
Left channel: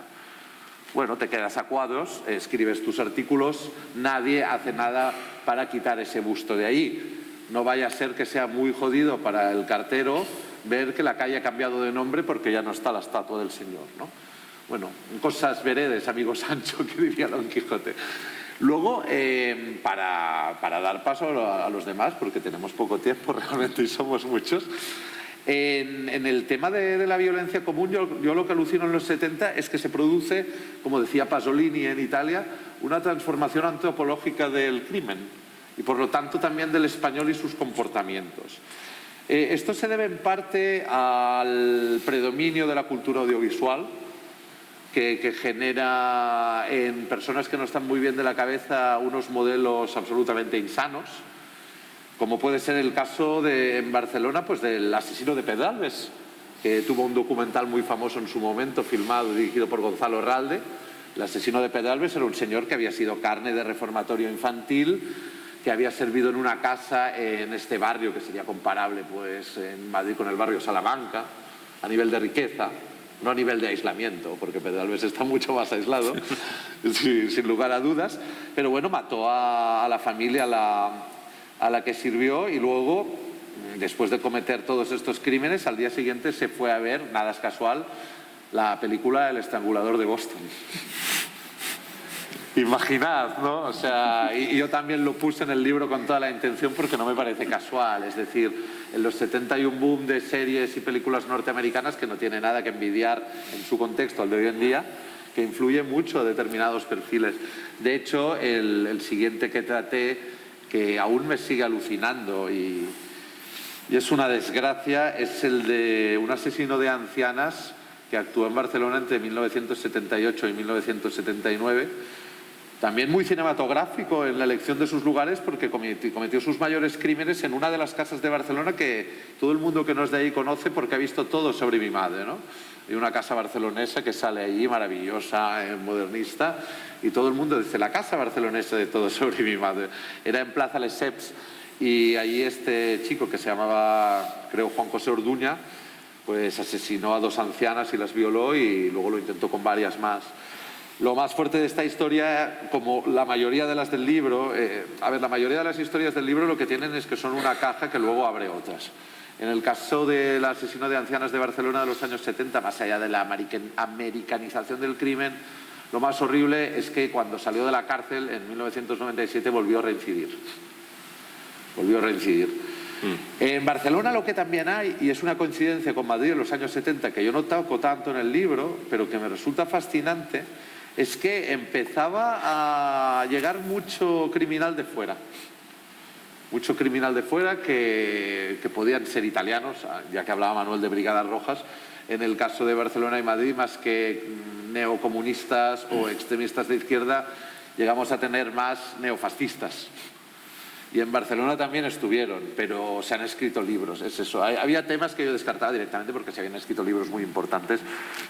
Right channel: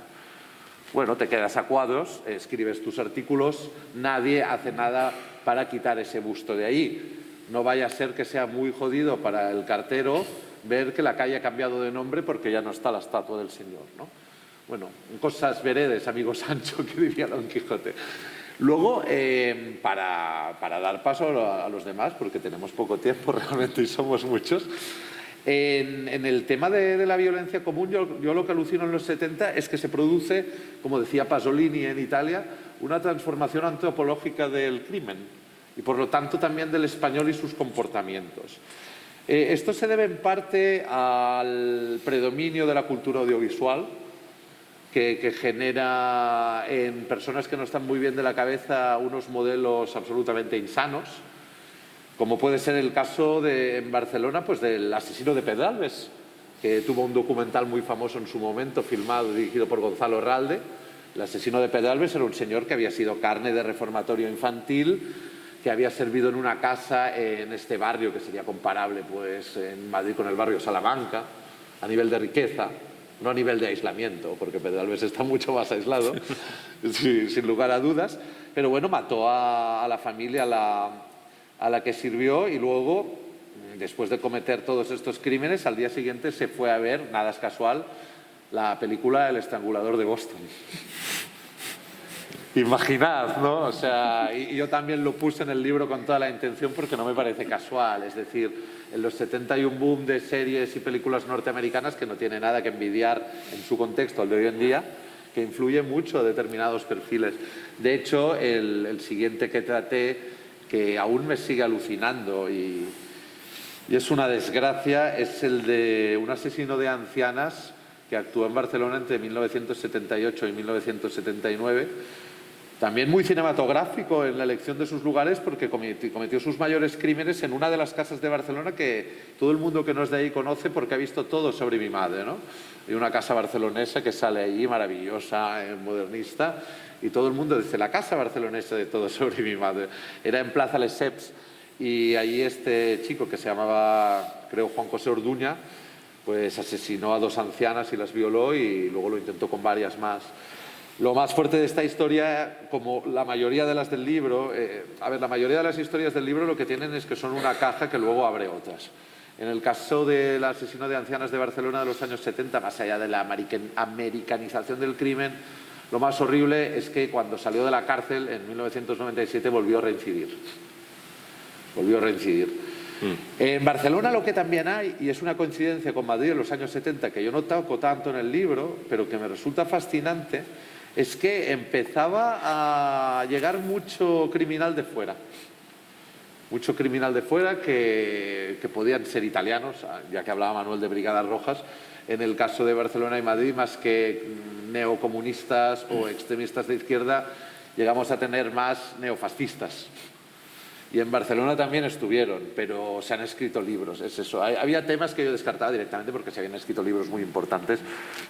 Bueno, te quedas a cuadros, escribes tus artículos, nadie hace nada para quitar ese busto de ahí. No vaya a ser que sea muy jodido para el cartero ver que la calle ha cambiado de nombre porque ya no está la estatua del señor, ¿no? Bueno, cosas veredes, amigo Sancho, que diría Don Quijote. Luego, para dar paso a los demás, porque tenemos poco tiempo realmente y somos muchos, en el tema de la violencia común, yo lo que alucino en los 70 es que se produce, como decía Pasolini en Italia, una transformación antropológica del crimen y por lo tanto también del español y sus comportamientos. Esto se debe en parte al predominio de la cultura audiovisual, que genera en personas que no están muy bien de la cabeza unos modelos absolutamente insanos, como puede ser el caso en Barcelona, pues del asesino de Pedralbes, que tuvo un documental muy famoso en su momento, filmado y dirigido por Gonzalo Herralde, El asesino de Pedralbes era un señor que había sido carne de reformatorio infantil, que había servido en una casa en este barrio que sería comparable pues en Madrid con el barrio Salamanca, a nivel de riqueza, no a nivel de aislamiento, porque Pedralbes está mucho más aislado, sin lugar a dudas, pero bueno, mató a la familia a la que sirvió y luego, después de cometer todos estos crímenes, al día siguiente se fue a ver, nada es casual, la película El estrangulador de Boston. Imaginad, ¿no? O sea, y yo también lo puse en el libro con toda la intención porque no me parece casual. Es decir, en los 70 hay un boom de series y películas norteamericanas que no tiene nada que envidiar en su contexto al de hoy en día, que influye mucho a determinados perfiles. De hecho, el siguiente que traté, que aún me sigue alucinando y es una desgracia, es el de un asesino de ancianas que actuó en Barcelona entre 1978 y 1979. También muy cinematográfico en la elección de sus lugares porque cometió sus mayores crímenes en una de las casas de Barcelona que todo el mundo que no es de ahí conoce porque ha visto todo sobre mi madre, ¿no? Y una casa barcelonesa que sale ahí, maravillosa, modernista, y todo el mundo dice, la casa barcelonesa de todo sobre mi madre. Era en Plaza Lesseps y allí este chico que se llamaba, creo, Juan José Orduña, pues asesinó a 2 ancianas y las violó y luego lo intentó con varias más. Lo más fuerte de esta historia, como la mayoría de las del libro, la mayoría de las historias del libro lo que tienen es que son una caja que luego abre otras. En el caso del asesino de ancianas de Barcelona de los años 70, más allá de la americanización del crimen, lo más horrible es que cuando salió de la cárcel en 1997 volvió a reincidir. En Barcelona lo que también hay, y es una coincidencia con Madrid en los años 70, que yo no toco tanto en el libro, pero que me resulta fascinante, es que empezaba a llegar mucho criminal de fuera. Mucho criminal de fuera que podían ser italianos, ya que hablaba Manuel de Brigadas Rojas. En el caso de Barcelona y Madrid, más que neocomunistas o extremistas de izquierda, llegamos a tener más neofascistas. Y en Barcelona también estuvieron, pero se han escrito libros, es eso. Había temas que yo descartaba directamente porque se habían escrito libros muy importantes,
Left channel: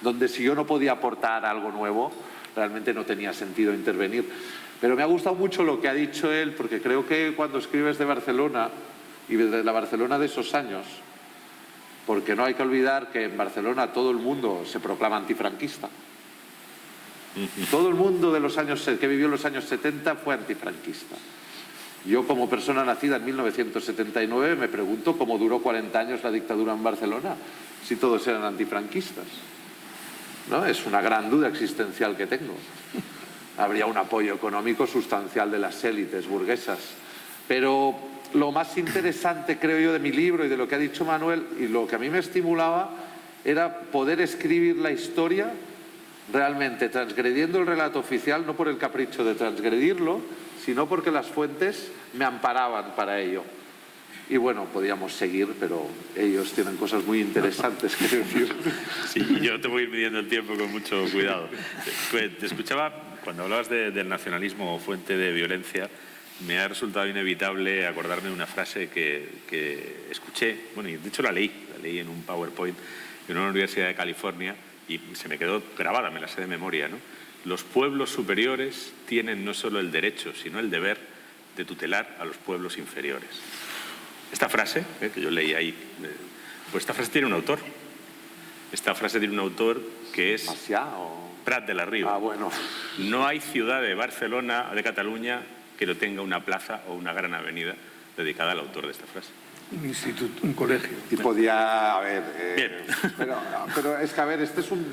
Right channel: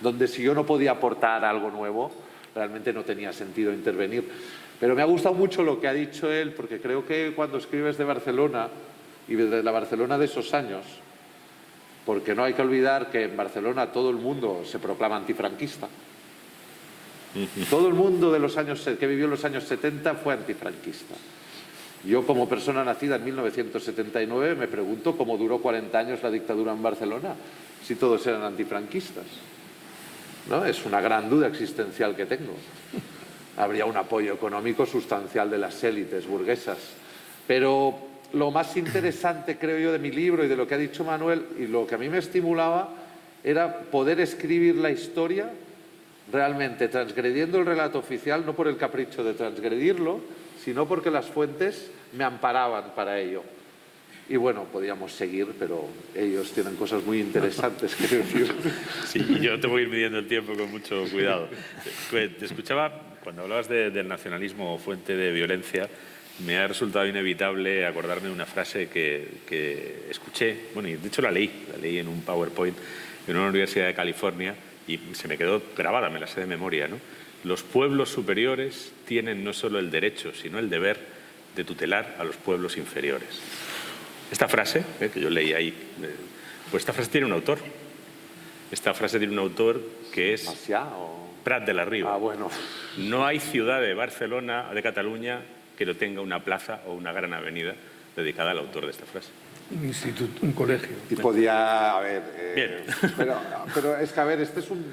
donde si yo no podía aportar algo nuevo, realmente no tenía sentido intervenir. Pero me ha gustado mucho lo que ha dicho él, porque creo que cuando escribes de Barcelona, y de la Barcelona de esos años, porque no hay que olvidar que en Barcelona todo el mundo se proclama antifranquista. Todo el mundo de los años que vivió en los años 70 fue antifranquista. Yo, como persona nacida en 1979, me pregunto cómo duró 40 años la dictadura en Barcelona, si todos eran antifranquistas. ¿No? Es una gran duda existencial que tengo. Habría un apoyo económico sustancial de las élites burguesas. Pero lo más interesante, creo yo, de mi libro y de lo que ha dicho Manuel, y lo que a mí me estimulaba, era poder escribir la historia realmente transgrediendo el relato oficial, no por el capricho de transgredirlo, sino porque las fuentes me amparaban para ello. Y bueno, podíamos seguir, pero ellos tienen cosas muy interesantes que decir. Sí, yo te voy a ir midiendo el tiempo con mucho cuidado. Te escuchaba, cuando hablabas del nacionalismo o fuente de violencia, me ha resultado inevitable acordarme de una frase que escuché, bueno, y de hecho la leí en un PowerPoint en una universidad de California y se me quedó grabada, me la sé de memoria, ¿no? Los pueblos superiores tienen no solo el derecho, sino el deber de tutelar a los pueblos inferiores. Esta frase, que yo leí ahí, pues esta frase tiene un autor. Esta frase tiene un autor que es Prat de la Riba. Ah, bueno. No hay ciudad de Barcelona, de Cataluña, que no tenga una plaza o una gran avenida dedicada al autor de esta frase. Un instituto, un colegio. Y podía, a ver... Bien. Pero es que, a ver, este es un...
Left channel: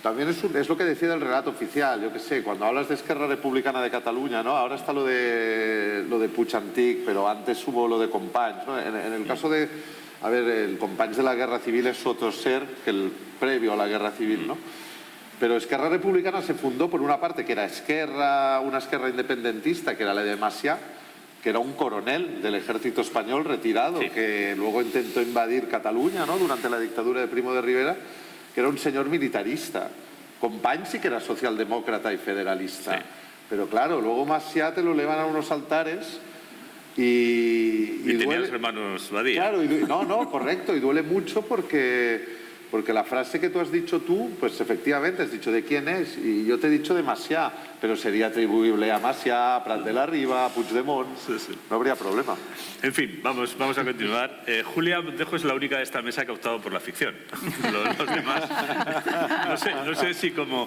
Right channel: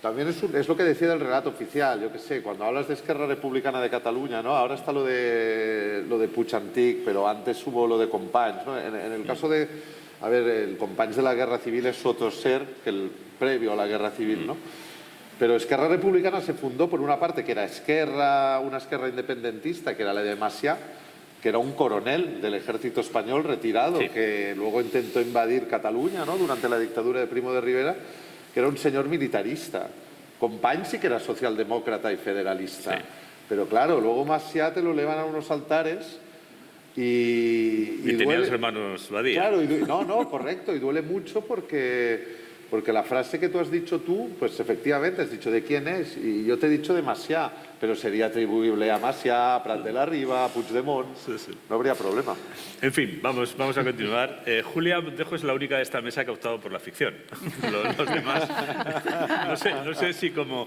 También es lo que decía el relato oficial, yo qué sé, cuando hablas de Esquerra Republicana de Cataluña, ¿no? Ahora está lo de Puig Antic, pero antes hubo lo de Companys, ¿no? En el caso de, a ver, el Companys de la Guerra Civil es otro ser que el previo a la Guerra Civil, ¿no? Pero Esquerra Republicana se fundó por una parte que era una Esquerra independentista, que era la de Macià, que era un coronel del ejército español retirado, sí, que luego intentó invadir Cataluña, ¿no? Durante la dictadura de Primo de Rivera, que era un señor militarista. Companys sí que era socialdemócrata y federalista. Sí. Pero claro, luego Macià te lo elevan a unos altares y tenía los hermanos Badía. Claro, correcto, y duele mucho porque Porque la frase que tú has dicho tú, pues efectivamente has dicho de quién es, y yo te he dicho de Macià, pero sería atribuible a Macià, a Prat de la Riba, a Puigdemont, no habría problema. En fin, vamos a continuar. Julia Montejo es la única de esta mesa que ha optado por la ficción. Los demás, no sé si como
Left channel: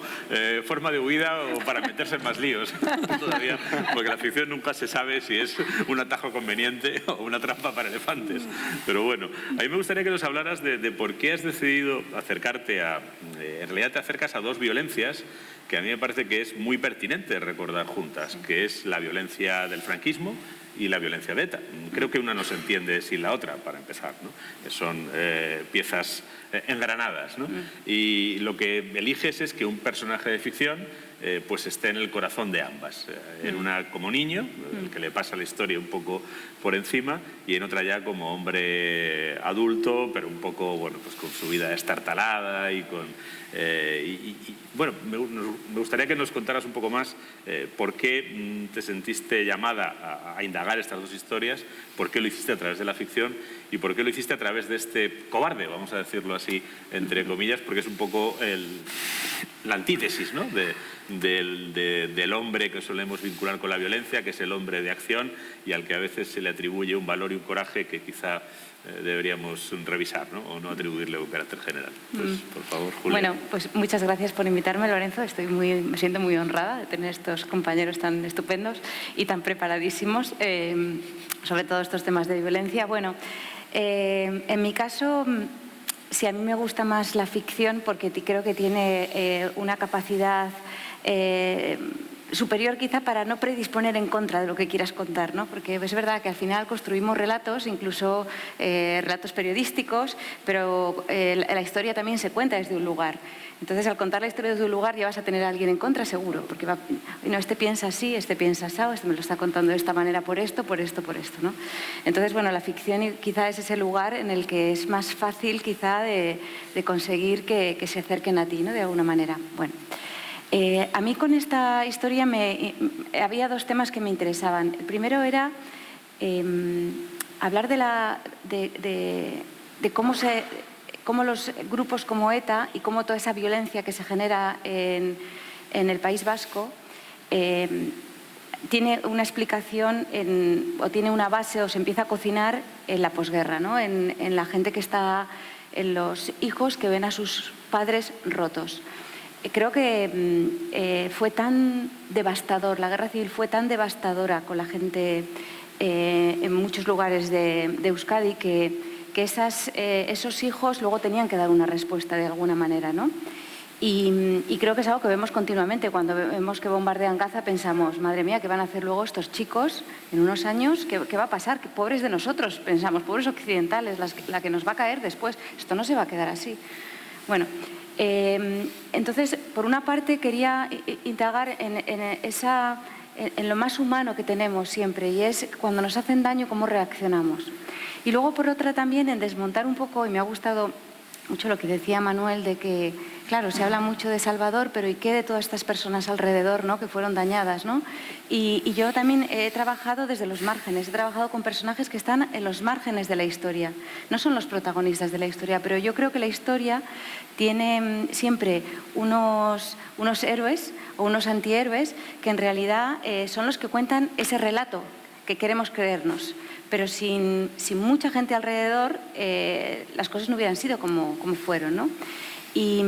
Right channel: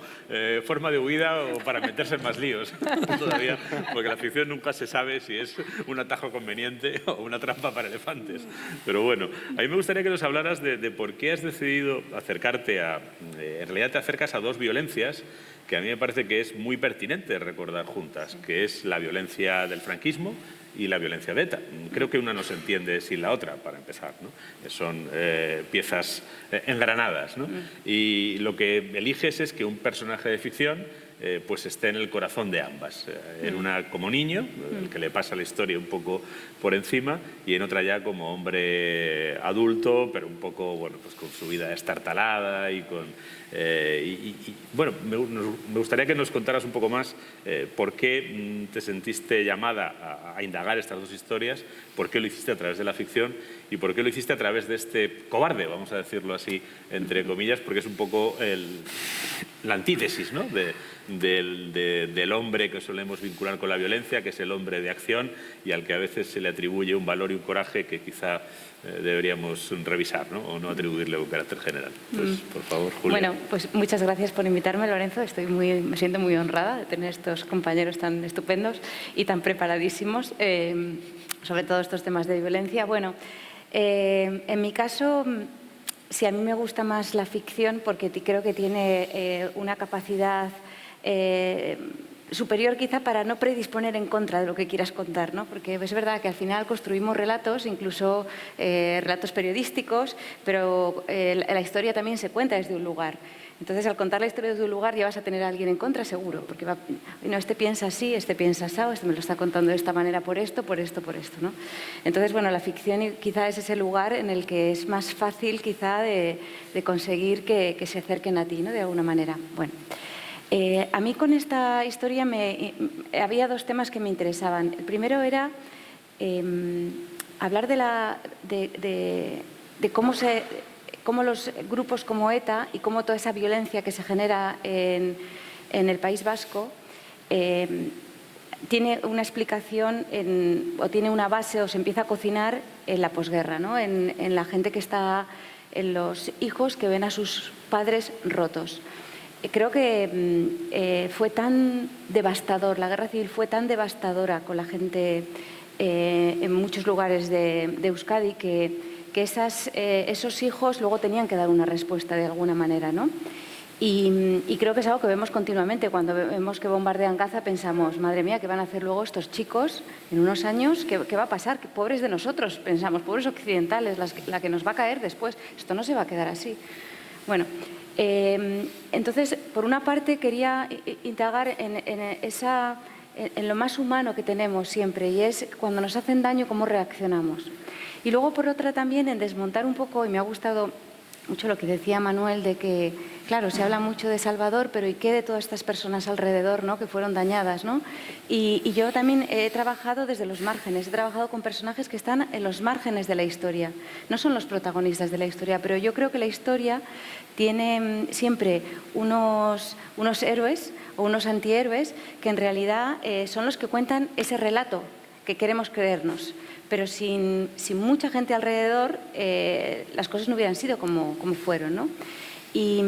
forma de huida o para meterse en más líos todavía, porque la ficción nunca se sabe si es un atajo conveniente o una trampa para elefantes. Pero bueno, a mí me gustaría que nos hablaras de por qué has decidido acercarte en realidad te acercas a dos violencias que a mí me parece que es muy pertinente recordar juntas, que es la violencia del franquismo y la violencia de ETA. Creo que una no se entiende sin la otra, para empezar, ¿no? Son piezas engranadas, ¿no? Y lo que eliges es que un personaje de ficción pues esté en el corazón de ambas. En una como niño, el que le pasa la historia un poco por encima, y en otra ya como hombre adulto, pero un poco, bueno, pues con su vida estartalada y con... bueno, me gustaría que nos contaras un poco más por qué te sentiste llamada a indagar estas dos historias, por qué lo hiciste a través de la ficción y por qué lo hiciste a través de este cobarde, vamos a decirlo así, entre comillas, porque es un poco la antítesis, ¿no? del hombre que solemos vincular con la violencia, que es el hombre de acción y al que a veces se le atribuye un valor y un coraje que quizá deberíamos revisar, ¿no? O no atribuirle un carácter general. Pues, por favor, Julia. Bueno, pues muchas gracias por invitarme, Lorenzo. Me siento muy honrada de tener estos compañeros tan estupendos y tan preparadísimos sobre todos estos temas de violencia. Bueno, en mi caso, sí, a mí me gusta más la ficción porque creo que tiene una capacidad superior quizá para no predisponer en contra de lo que quieras contar, ¿no? Porque es verdad que al final construimos relatos, incluso relatos periodísticos, pero la historia también se cuenta desde un lugar. Entonces, al contar la historia desde un lugar ya vas a tener a alguien en contra seguro, porque no, este piensa así, este piensa así, este me lo está contando de esta manera por esto, ¿no? Entonces, bueno, la ficción quizá es ese lugar en el que es más fácil quizá de conseguir que se acerquen a ti, ¿no? De alguna manera. Bueno. A mí con esta historia había dos temas que me interesaban. El primero era hablar de cómo los grupos como ETA y cómo toda esa violencia que se genera en el País Vasco tiene una explicación o tiene una base o se empieza a cocinar en la posguerra, ¿no? En la gente que está, en los hijos que ven a sus padres rotos. Creo que fue tan devastador, la guerra civil fue tan devastadora con la gente en muchos lugares de Euskadi que esos hijos luego tenían que dar una respuesta de alguna manera, ¿no? Y creo que es algo que vemos continuamente. Cuando vemos que bombardean Gaza pensamos, madre mía, ¿qué van a hacer luego estos chicos en unos años? ¿Qué va a pasar? ¿Qué pobres de nosotros? Pensamos, pobres occidentales, la que nos va a caer después. Esto no se va a quedar así. Bueno, entonces, por una parte quería indagar en lo más humano que tenemos siempre, y es cuando nos hacen daño, cómo reaccionamos. Y luego, por otra, también en desmontar un poco, y me ha gustado mucho lo que decía Manuel, de que, claro, se habla mucho de Salvador, pero ¿y qué de todas estas personas alrededor, ¿no? Que fueron dañadas, ¿no? Y yo también he trabajado desde los márgenes, he trabajado con personajes que están en los márgenes de la historia. No son los protagonistas de la historia, pero yo creo que la historia tiene siempre unos héroes o unos antihéroes que en realidad son los que cuentan ese relato que queremos creernos. Pero sin mucha gente alrededor, las cosas no hubieran sido como fueron, ¿no? Y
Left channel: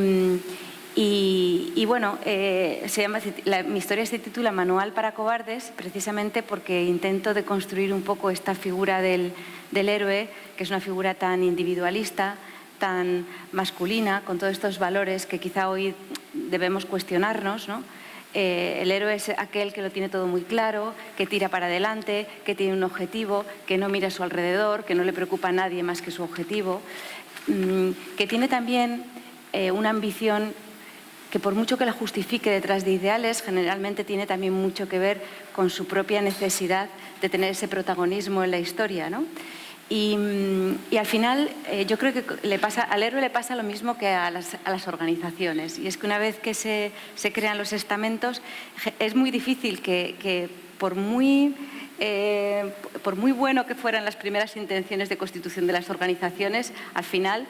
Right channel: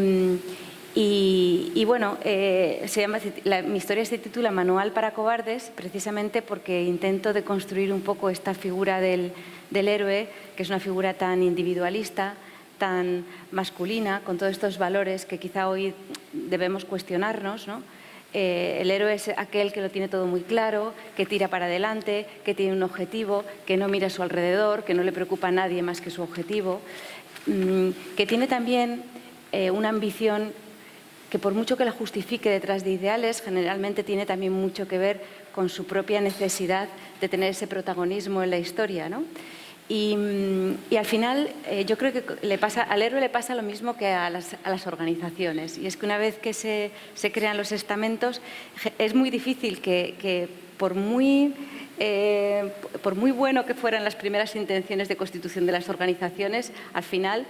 bueno, mi historia se titula Manual para cobardes, precisamente porque intento deconstruir un poco esta figura del héroe, que es una figura tan individualista, tan masculina, con todos estos valores que quizá hoy debemos cuestionarnos, ¿no? El héroe es aquel que lo tiene todo muy claro, que tira para adelante, que tiene un objetivo, que no mira a su alrededor, que no le preocupa a nadie más que su objetivo, que tiene también una ambición que por mucho que la justifique detrás de ideales, generalmente tiene también mucho que ver con su propia necesidad de tener ese protagonismo en la historia, ¿no? Y al final yo creo que al héroe le pasa lo mismo que a las organizaciones, y es que una vez que se crean los estamentos es muy difícil que por muy por muy bueno que fueran las primeras intenciones de constitución de las organizaciones, al final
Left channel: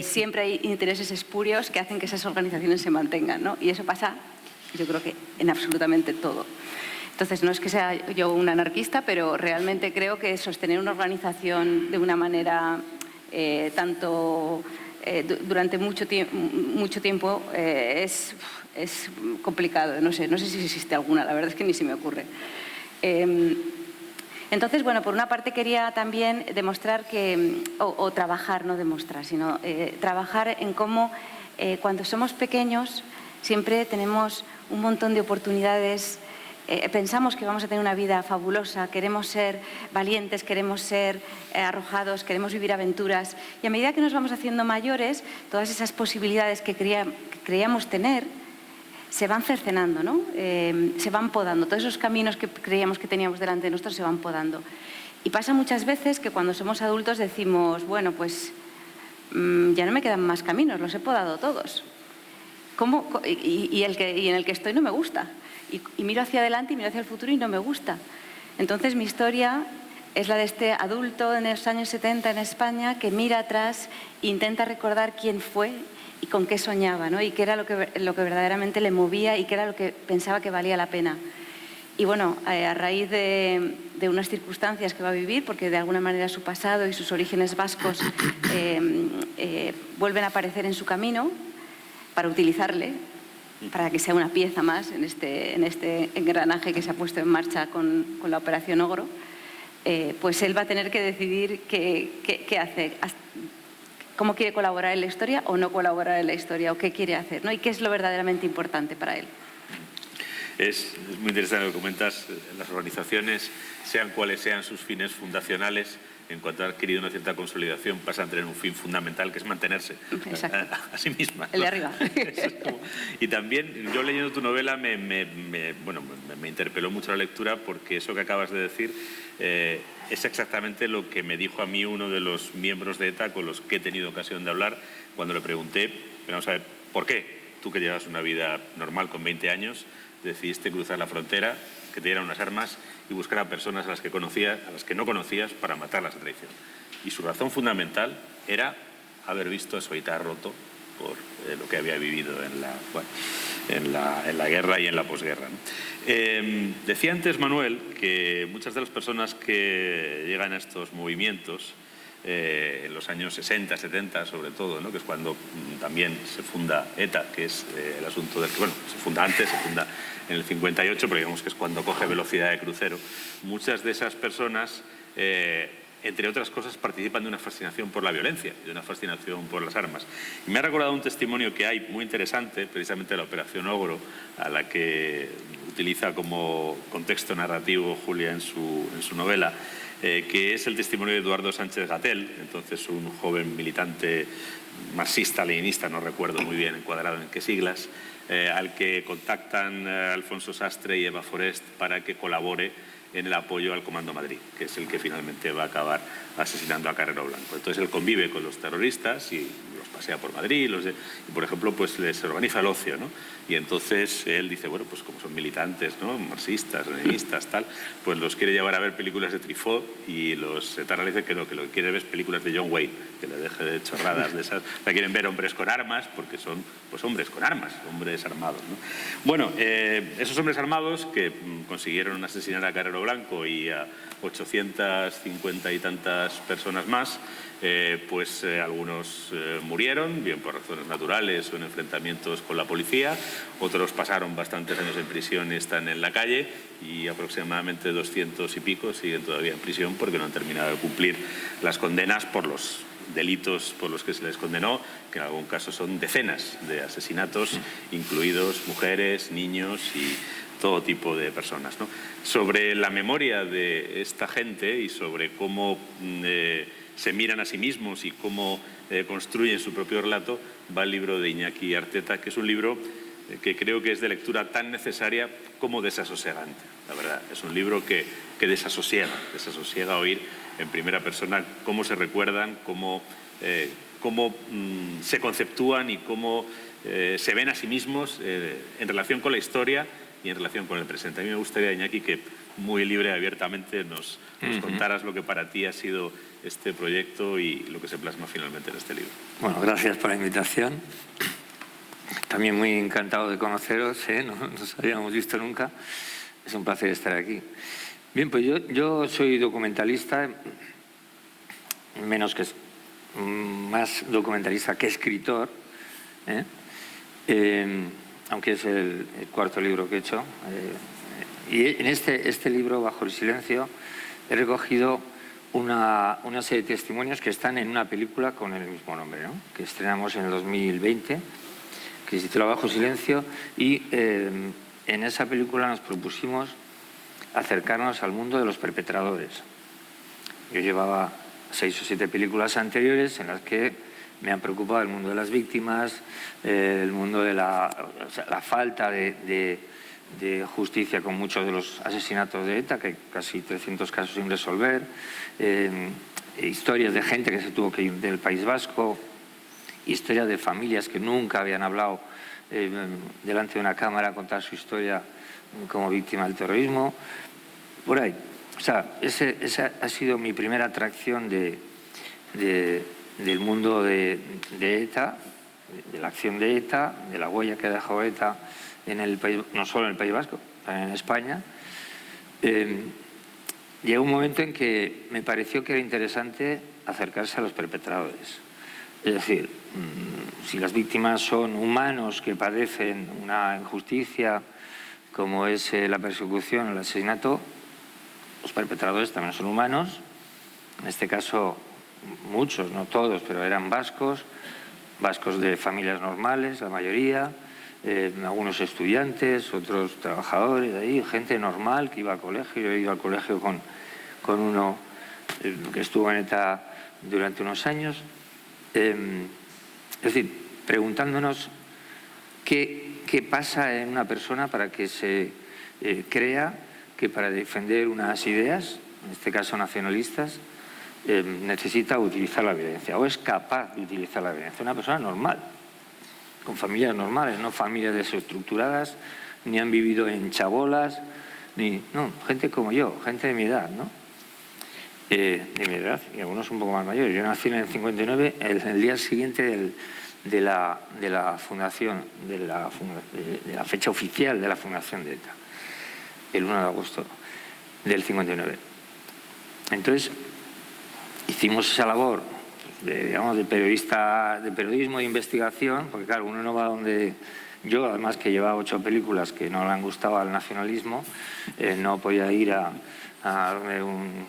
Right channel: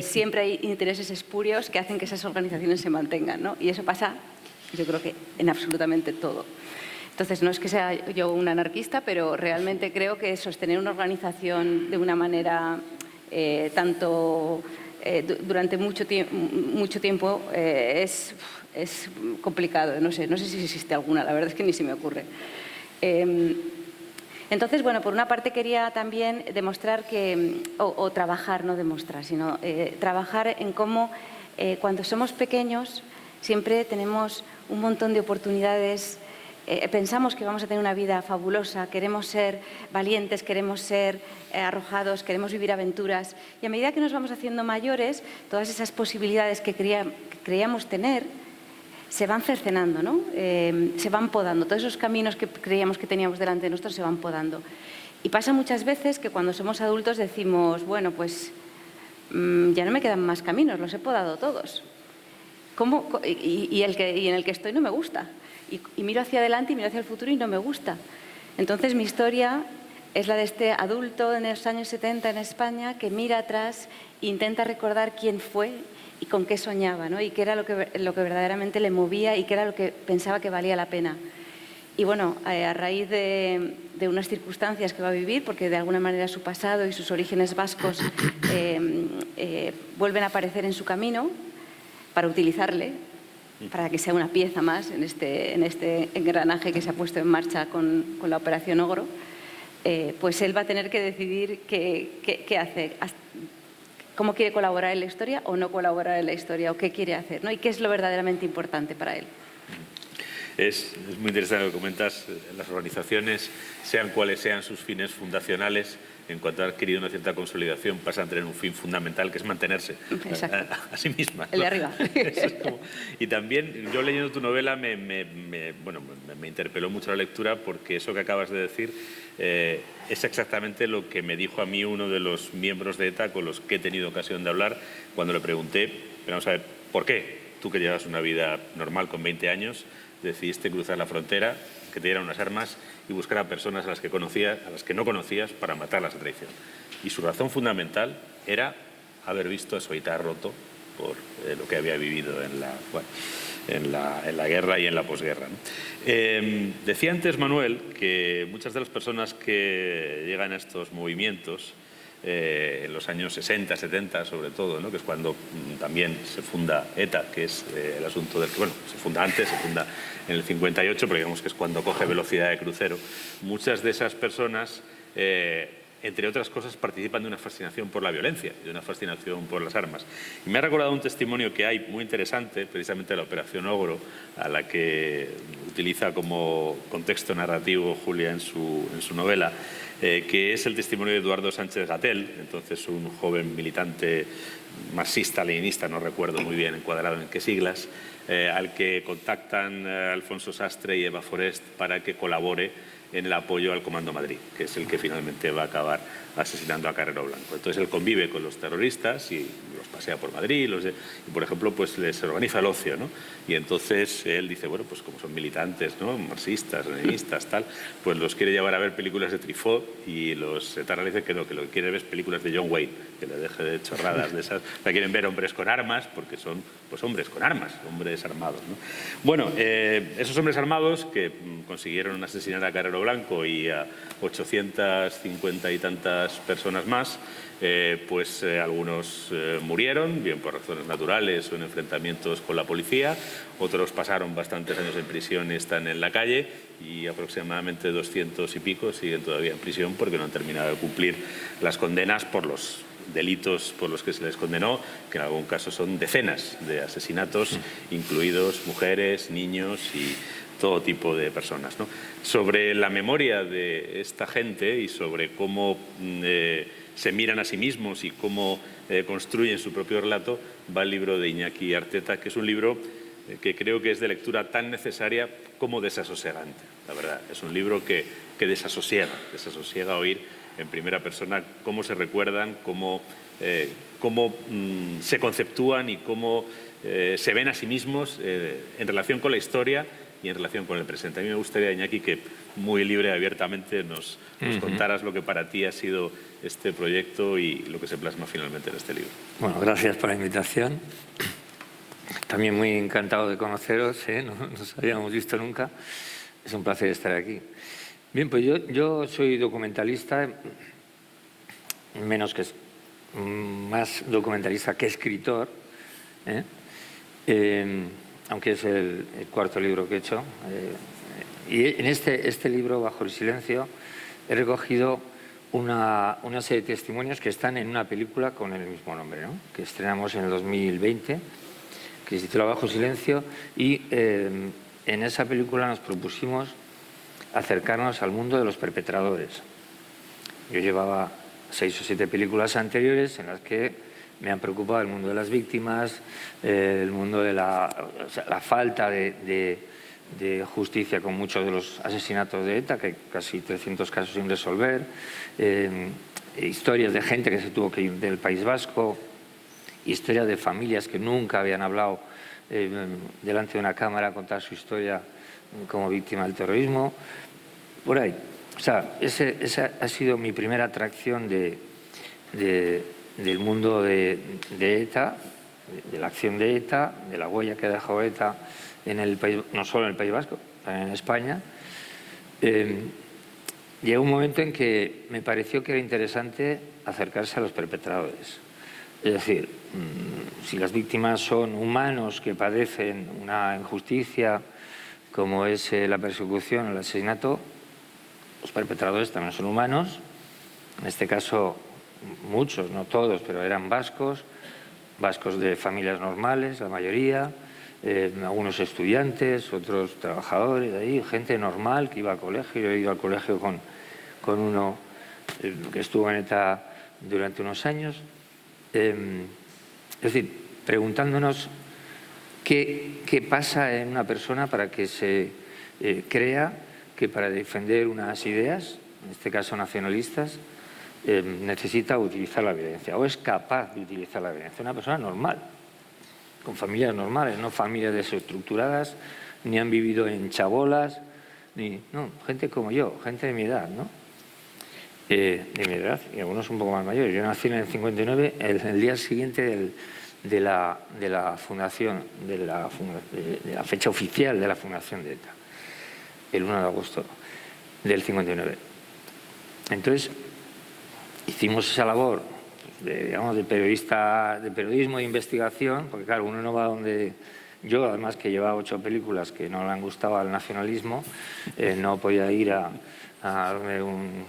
siempre hay intereses espurios que hacen que esas organizaciones se mantengan, ¿no? Y eso pasa, yo creo que en absolutamente todo. Entonces, no es que sea yo un anarquista, pero realmente creo que sostener una organización de una manera durante mucho tiempo es complicado. No sé si existe alguna, la verdad es que ni se me ocurre. Entonces, bueno, por una parte quería también demostrar o trabajar, no demostrar, sino trabajar en cómo cuando somos pequeños siempre tenemos un montón de oportunidades. Pensamos que vamos a tener una vida fabulosa, queremos ser valientes, queremos ser arrojados, queremos vivir aventuras. Y a medida que nos vamos haciendo mayores, todas esas posibilidades que creíamos tener se van cercenando, ¿no? Se van podando. Todos esos caminos que creíamos que teníamos delante de nosotros se van podando. Y pasa muchas veces que cuando somos adultos decimos, bueno, pues ya no me quedan más caminos, los he podado todos. Y en el que estoy no me gusta. Y miro hacia adelante y miro hacia el futuro y no me gusta. Entonces mi historia es la de este adulto en los años 70 en España que mira atrás e intenta recordar quién fue y con qué soñaba, ¿no? Y qué era lo que verdaderamente le movía y qué era lo que pensaba que valía la pena. Y bueno, a raíz de unas circunstancias que va a vivir, porque de alguna manera su pasado y sus orígenes vascos vuelven a aparecer en su camino para utilizarle, para que sea una pieza más en este engranaje que se ha puesto en marcha con la Operación Ogro, pues él va a tener que decidir qué hace, cómo quiere colaborar en la historia o no colaborar en la historia, o qué quiere hacer, ¿no? Y qué es lo verdaderamente importante para él. Es muy interesante lo que comentas. Las organizaciones, sean cuales sean sus fines fundacionales, en cuanto ha adquirido una cierta consolidación, pasan a tener un fin fundamental, que es mantenerse a sí mismas, ¿no? El de arriba. Y también, yo leyendo tu novela, me interpeló mucho la lectura, porque eso que acabas de decir es exactamente lo que me dijo a mí uno de los miembros de ETA con los que he tenido ocasión de hablar, cuando le pregunté, vamos a ver, ¿por qué tú, que llevas una vida normal con 20 años, decidiste cruzar la frontera, que te dieran unas armas y buscar a personas a las que no conocías para matarlas a traición? Y su razón fundamental era haber visto a su Aita roto por lo que había vivido en la guerra y en la posguerra, ¿no? Decía antes Manuel que muchas de las personas que llegan a estos movimientos en los años 60, 70 sobre todo, ¿no? Que es cuando también se funda ETA, que es el asunto del que, bueno, se funda antes, se funda en el 58, pero digamos que es cuando coge velocidad de crucero. Muchas de esas personas, entre otras cosas, participan de una fascinación por la violencia, de una fascinación por las armas. Y me ha recordado un testimonio que hay muy interesante, precisamente de la Operación Ogro, a la que utiliza como contexto narrativo Julia en su novela, que es el testimonio de Eduardo Sánchez Gatell, entonces un joven militante marxista-leninista, no recuerdo muy bien encuadrado en qué siglas, al que contactan Alfonso Sastre y Eva Forest para que colabore en el apoyo al Comando Madrid, que es el que finalmente va a acabar asesinando a Carrero Blanco. Entonces él convive con los terroristas y los pasea por Madrid, y por ejemplo pues les organiza el ocio, ¿no? Y entonces él dice, bueno, pues como son militantes, ¿no?, marxistas, leninistas, tal, pues los quiere llevar a ver películas de Truffaut, y los etarras dicen que no, que lo que quiere ver es películas de John Wayne, que le deje de chorradas de esas. La quieren ver hombres con armas, porque son pues hombres con armas, hombres armados, ¿no? Bueno, esos hombres armados que consiguieron asesinar a Carrero Blanco y a 850 y tantas personas más, algunos murieron, bien por razones naturales o en enfrentamientos con la policía, otros pasaron bastantes años en prisión y están en la calle, y aproximadamente 200 y pico siguen todavía en prisión porque no han terminado de cumplir las condenas por los delitos por los que se les condenó, que en algún caso son decenas de asesinatos, incluidos mujeres, niños y todo tipo de personas, ¿no? Sobre la memoria de esta gente y sobre cómo se miran a sí mismos y cómo construyen su propio relato, va el libro de Iñaki Arteta, que es un libro que creo que es de lectura tan necesaria como desasosegante. La verdad, es un libro que desasosiega oír en primera persona cómo se recuerdan, cómo se conceptúan y cómo se ven a sí mismos en relación con la historia y en relación con el presente. A mí me gustaría, Iñaki, que muy libre y abiertamente nos contaras lo que para ti ha sido este proyecto y lo que se plasma finalmente en este libro. Bueno, gracias por la invitación. También muy encantado de conoceros, no nos habíamos visto nunca. Es un placer estar aquí. Bien, pues yo soy documentalista, más documentalista que escritor, aunque es el cuarto libro que he hecho. Y en este libro, Bajo el silencio, he recogido una serie de testimonios que están en una película con el mismo nombre, ¿no? Que estrenamos en el 2020, que se titula Bajo el silencio, y en esa película nos propusimos acercarnos al mundo de los perpetradores. Yo llevaba 6 o 7 películas anteriores en las que me han preocupado el mundo de las víctimas, el mundo de la falta de justicia con muchos de los asesinatos de ETA, que hay casi 300 casos sin resolver, historias de gente que se tuvo que ir del País Vasco, historias de familias que nunca habían hablado delante de una cámara a contar su historia como víctima del terrorismo, por ahí. O sea, esa ha sido mi primera atracción del mundo de ETA, de la acción de ETA, de la huella que ha dejado ETA en el país, no solo en el País Vasco, también en España. Llegó un momento en que me pareció que era interesante acercarse a los perpetradores. Es decir, si las víctimas son humanos que padecen una injusticia como es la persecución o el asesinato, los perpetradores también son humanos. En este caso, muchos, no todos, pero eran vascos de familias normales, la mayoría, algunos estudiantes, otros trabajadores de ahí, gente normal que iba al colegio. Yo he ido al colegio con uno que estuvo en ETA durante unos años. Es decir, preguntándonos qué pasa en una persona para que se crea que para defender unas ideas, en este caso nacionalistas, necesita utilizar la violencia o es capaz de utilizar la violencia. Una persona normal, con familias normales, no familias desestructuradas, ni han vivido en chabolas, no, gente como yo, gente de mi edad, ¿no? De mi edad, y algunos un poco más mayores. Yo nací en el 59, el día siguiente de la fundación, de la fecha oficial de la fundación de ETA, el 1 de agosto del 59. Entonces, hicimos esa labor, de periodismo e investigación, porque claro, uno no va donde... Yo, además que llevaba 8 películas que no le han gustado al nacionalismo, no podía ir a darme un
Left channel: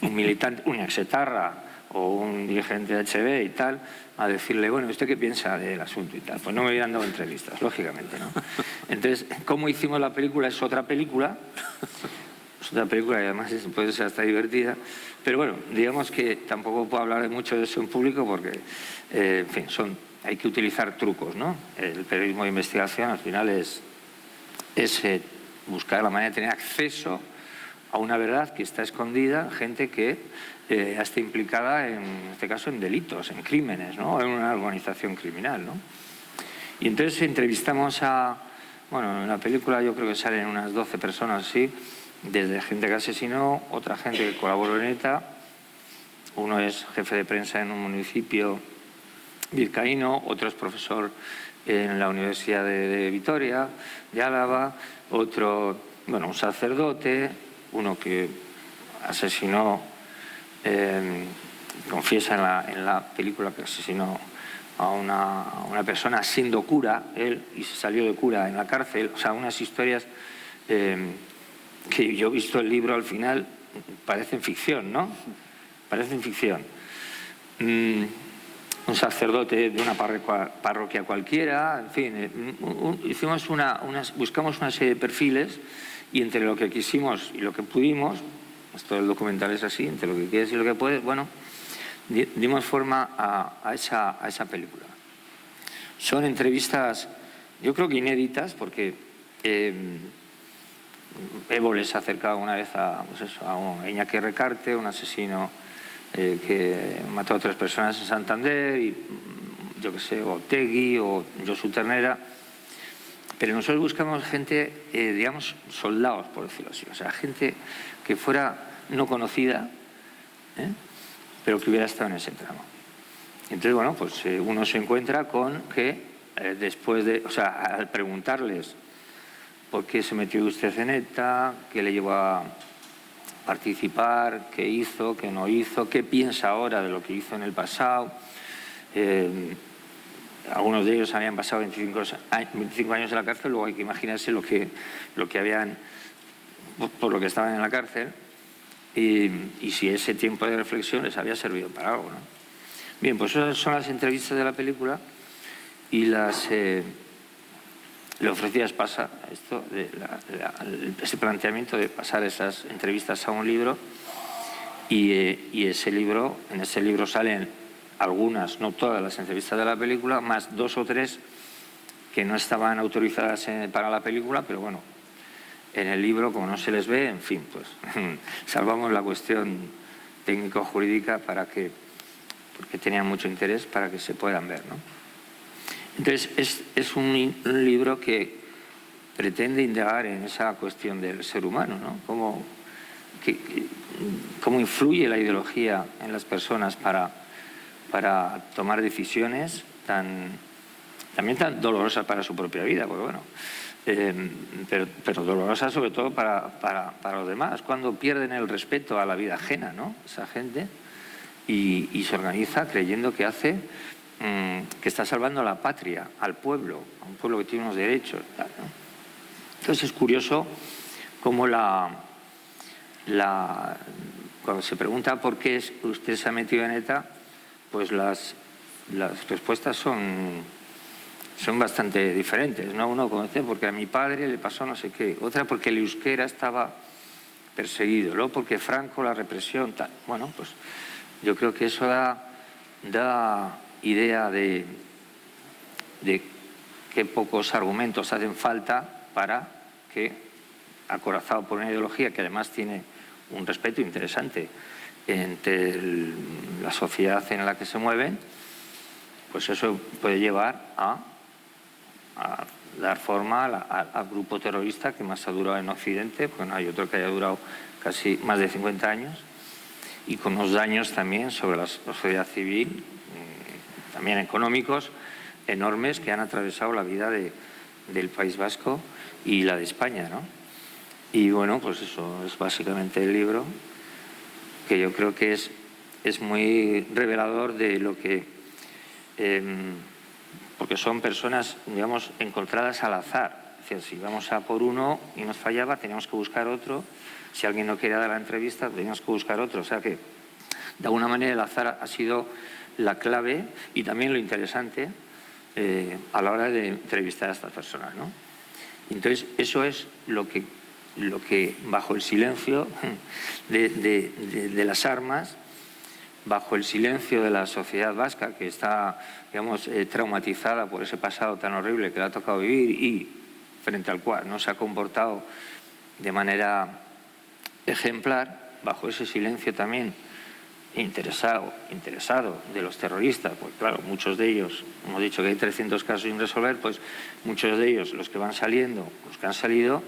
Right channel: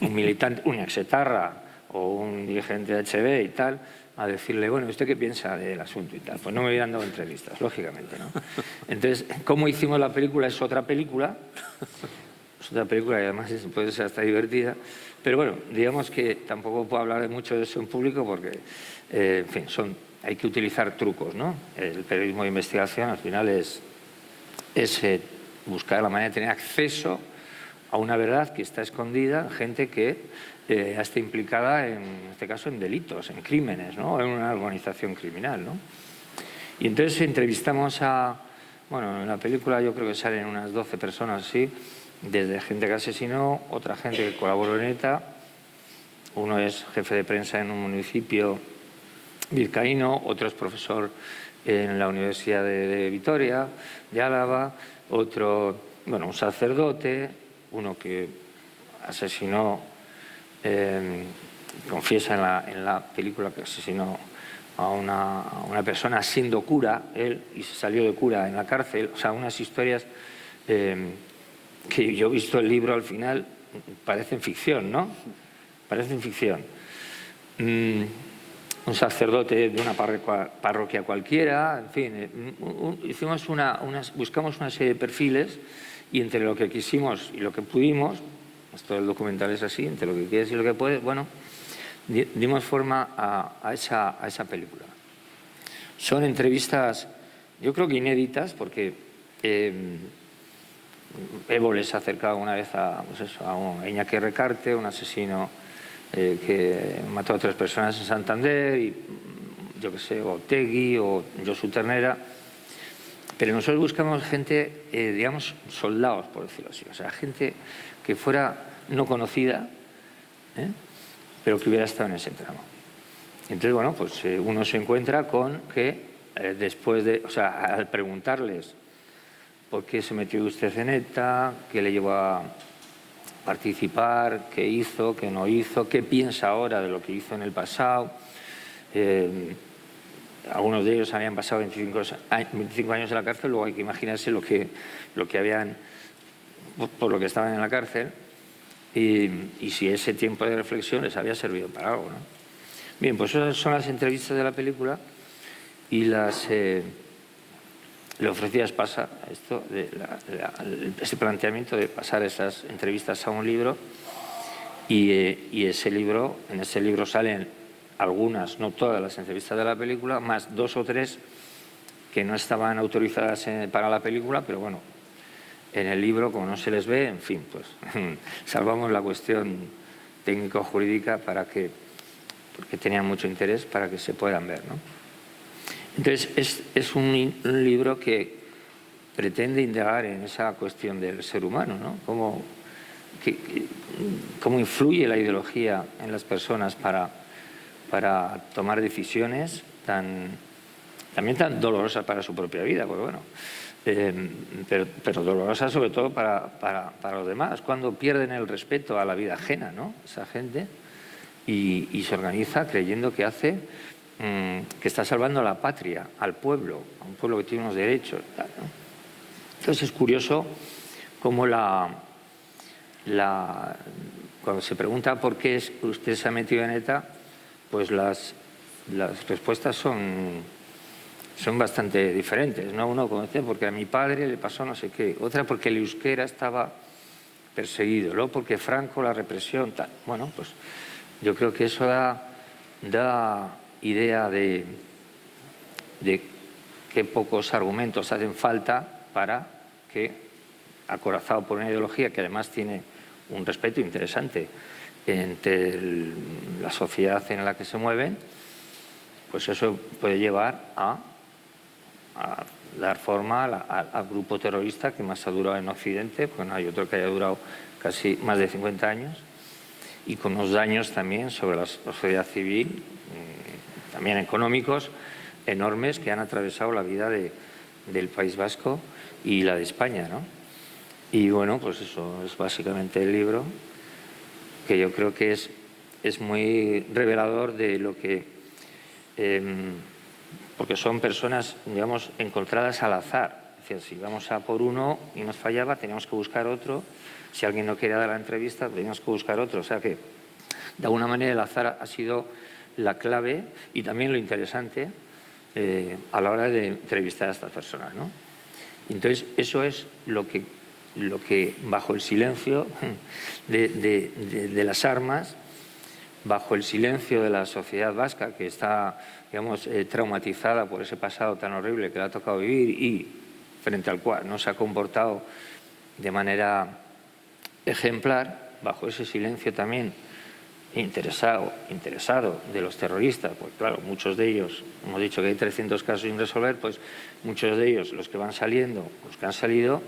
militante, un exetarra o un dirigente de HB y tal, a decirle, bueno, ¿usted qué piensa del asunto y tal? Pues no me habían dado entrevistas, lógicamente, ¿no? Entonces, ¿cómo hicimos la película? Es otra película y además puede ser hasta divertida, pero bueno, digamos que tampoco puedo hablar mucho de eso en público porque, en fin, hay que utilizar trucos, ¿no? El periodismo de investigación al final es buscar la manera de tener acceso a una verdad que está escondida, gente que está implicada, en este caso, en delitos, en crímenes, ¿no? En una organización criminal, ¿no? Y entonces entrevistamos en la película yo creo que salen unas 12 personas así, desde gente que asesinó, otra gente que colaboró en ETA, uno es jefe de prensa en un municipio vizcaíno, otro es profesor en la Universidad de Vitoria, de Álava, otro, un sacerdote, uno que asesinó, confiesa en la película que asesinó a una persona siendo cura, él, y se salió de cura en la cárcel. O sea, unas historias que yo he visto el libro al final, parecen ficción, ¿no? Parecen ficción. Un sacerdote de una parroquia cualquiera, en fin, hicimos buscamos una serie de perfiles y entre lo que quisimos y lo que pudimos, esto del documental es así, entre lo que quieres y lo que puedes, dimos forma a esa película. Son entrevistas, yo creo que inéditas, porque Evo les ha acercado una vez a Iñaki Recarte, un asesino que mató a 3 personas en Santander, y yo qué sé, o Tegui o Josu Ternera. Pero nosotros buscamos gente, digamos, soldados, por decirlo así. O sea, gente que fuera no conocida, pero que hubiera estado en ese tramo. Entonces, bueno, pues uno se encuentra con que después de, o sea, al preguntarles por qué se metió usted en ETA, qué le llevó a participar, qué hizo, qué no hizo, qué piensa ahora de lo que hizo en el pasado. Algunos de ellos habían pasado 25 años en la cárcel, luego hay que imaginarse lo que habían, por lo que estaban en la cárcel, y si ese tiempo de reflexión les había servido para algo, ¿no? Bien, pues esas son las entrevistas de la película y le ofrecías pasar esto, ese planteamiento de pasar esas entrevistas a un libro y ese libro, en ese libro salen algunas, no todas las entrevistas de la película, más 2 o 3 que no estaban autorizadas para la película, pero bueno, en el libro, como no se les ve, en fin, pues salvamos la cuestión técnico-jurídica porque tenían mucho interés para que se puedan ver, ¿no? Entonces, es un libro que pretende indagar en esa cuestión del ser humano, ¿no? Cómo influye la ideología en las personas para tomar decisiones también tan dolorosas para su propia vida, pues bueno, pero dolorosas sobre todo para los demás, cuando pierden el respeto a la vida ajena, ¿no? Esa gente, y se organiza creyendo que que está salvando a la patria, al pueblo, a un pueblo que tiene unos derechos, tal, ¿no? Entonces es curioso cómo cuando se pregunta por qué usted se ha metido en ETA, pues las respuestas son bastante diferentes, ¿no? Uno conoce porque a mi padre le pasó no sé qué, otra porque el euskera estaba perseguido, luego porque Franco, la represión, tal. Bueno, pues yo creo que eso da idea de qué pocos argumentos hacen falta para que, acorazado por una ideología que además tiene un respeto interesante entre la sociedad en la que se mueven, pues eso puede llevar a dar forma al grupo terrorista que más ha durado en Occidente, porque no hay otro que haya durado casi más de 50 años, y con unos daños también sobre la sociedad civil, también económicos, enormes, que han atravesado la vida del País Vasco y la de España, ¿no? Y bueno, pues eso es básicamente el libro, que yo creo que es muy revelador de lo que... porque son personas, digamos, encontradas al azar. Es decir, si vamos a por uno y nos fallaba, teníamos que buscar otro. Si alguien no quería dar la entrevista, teníamos que buscar otro. O sea que, de alguna manera, el azar ha sido la clave y también lo interesante a la hora de entrevistar a estas personas, ¿no? Entonces, eso es lo que bajo el silencio de las armas, bajo el silencio de la sociedad vasca, que está, digamos, traumatizada por ese pasado tan horrible que le ha tocado vivir y frente al cual no se ha comportado de manera ejemplar, bajo ese silencio también interesado de los terroristas, pues claro, muchos de ellos, hemos dicho que hay 300 casos sin resolver, pues muchos de ellos, los que van saliendo, los que han salido,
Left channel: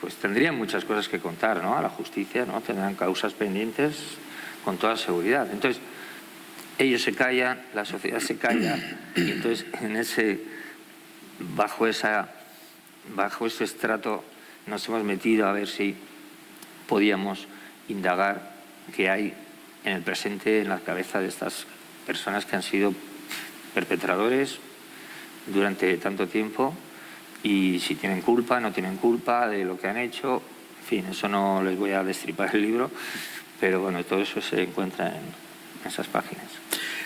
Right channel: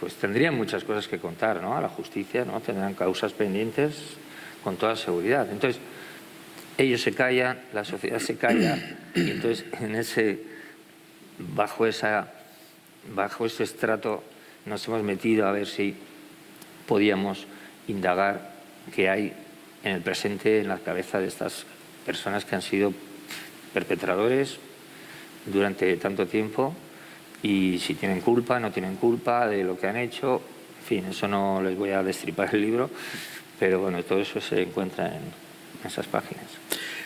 pues tendrían muchas cosas que contar, ¿no? A la justicia, ¿no? Tendrán causas pendientes con toda seguridad. Entonces, ellos se callan, la sociedad se calla, y entonces bajo ese estrato nos hemos metido a ver si podíamos indagar qué hay en el presente en la cabeza de estas personas que han sido perpetradores durante tanto tiempo, y si tienen culpa, no tienen culpa de lo que han hecho. En fin, eso no les voy a destripar el libro, pero bueno, todo eso se encuentra en esas páginas.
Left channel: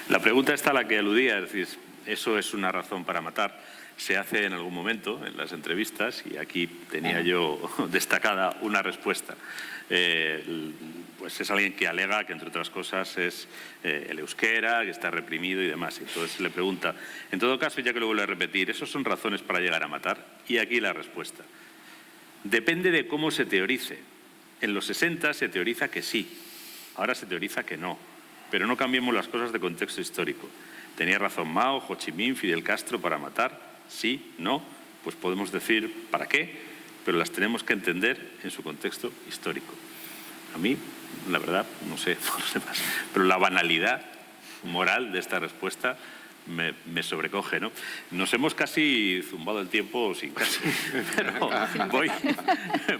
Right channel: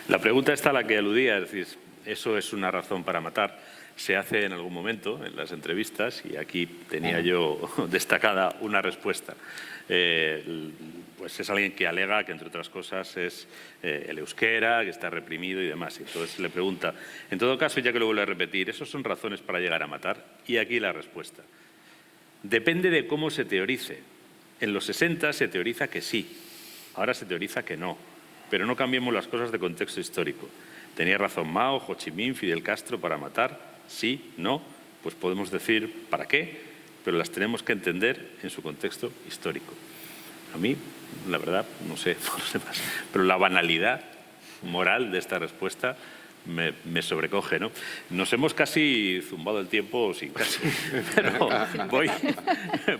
La pregunta está a la que aludía, es decir, ¿eso es una razón para matar? Se hace en algún momento en las entrevistas, y aquí tenía yo destacada una respuesta. Pues es alguien que alega que, entre otras cosas, es el euskera, que está reprimido y demás. Entonces le pregunta, en todo caso, ya que lo vuelvo a repetir, ¿esos son razones para llegar a matar? Y aquí la respuesta. Depende de cómo se teorice. En los 60 se teoriza que sí, ahora se teoriza que no. Pero no cambiemos las cosas de contexto histórico. ¿Tenía razón Mao, Ho Chi Minh, Fidel Castro para matar? Sí, no. pues podemos decir para qué, pero las tenemos que entender en su contexto histórico. A mí, la verdad, no sé por los demás, pero la banalidad moral de esta respuesta me sobrecoge, ¿no? Nos hemos casi zumbado el tiempo, sí, casi. Pero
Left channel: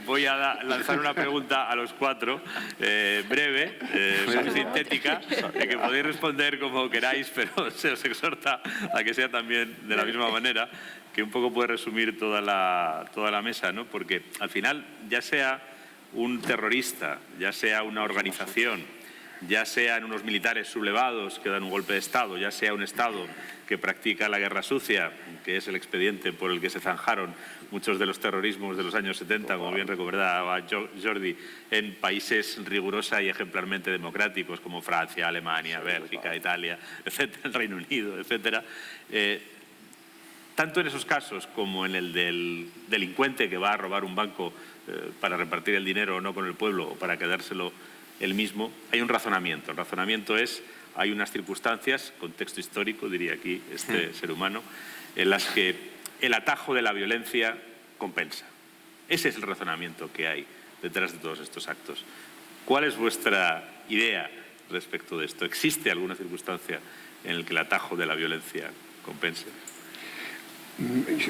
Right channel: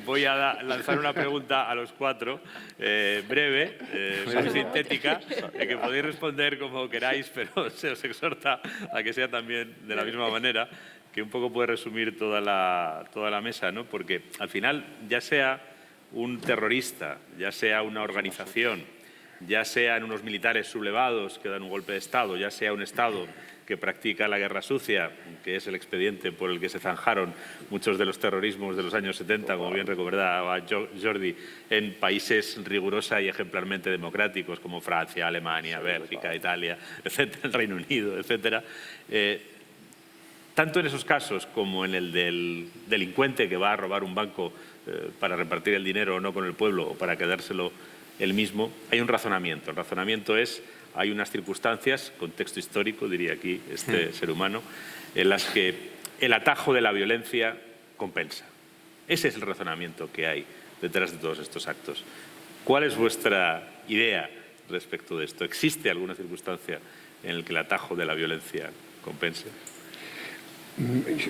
voy a lanzar una pregunta a los cuatro, breve, muy sintética, de que podéis responder como queráis, pero se os exhorta a que sea también de la misma manera, que un poco puede resumir toda la mesa, ¿no? Porque al final, ya sea un terrorista, ya sea una organización, ya sean unos militares sublevados que dan un golpe de Estado, ya sea un Estado que practica la guerra sucia, que es el expediente por el que se zanjaron muchos de los terrorismos de los años 70, como bien recordaba Jordi, en países rigurosa y ejemplarmente democráticos como Francia, Alemania, Bélgica, Italia, etcétera, el Reino Unido, etcétera. Tanto en esos casos como en el del delincuente que va a robar un banco para repartir el dinero o no con el pueblo o para quedárselo el mismo, hay un razonamiento. El razonamiento es, hay unas circunstancias, contexto histórico, diría aquí este ser humano, en las que el atajo de la violencia compensa. Ese es el razonamiento que hay detrás de todos estos actos. ¿Cuál es vuestra idea respecto de esto? ¿Existe alguna circunstancia en la que el atajo de la violencia compense?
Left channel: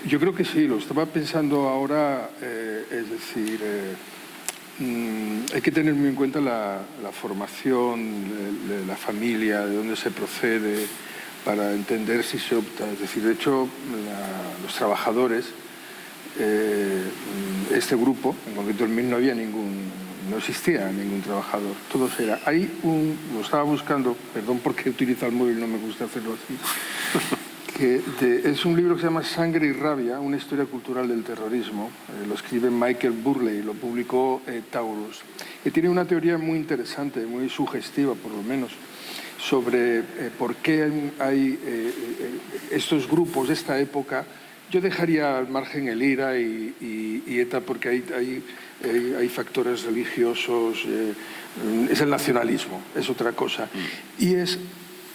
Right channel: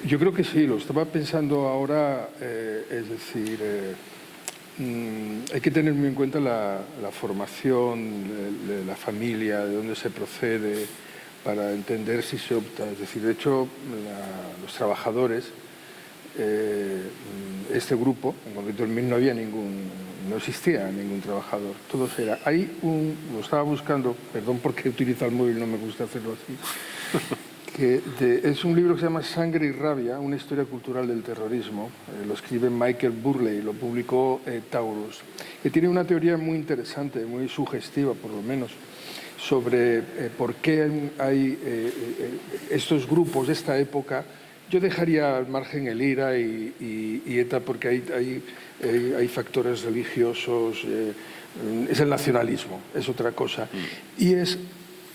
Yo creo que sí, lo estaba pensando ahora, es decir, hay que tener muy en cuenta la formación de la familia, de dónde se procede, para entender si se opta. Es decir, de hecho, los trabajadores, este grupo, en concreto en 1000 no existía ningún trabajador, todos era. Lo estaba buscando, perdón porque utilizo el móvil, no me gusta hacerlo así. Es un libro que se llama Sangre y Rabia, una historia cultural del terrorismo. Lo escribe Michael Burley, lo publicó Taurus. Y tiene una teoría muy interesante, muy sugestiva por lo menos, sobre por qué hay estos grupos de esta época. Yo dejaría al margen el IRA y ETA porque hay factores religiosos, es el nacionalismo, es otra cosa. Y es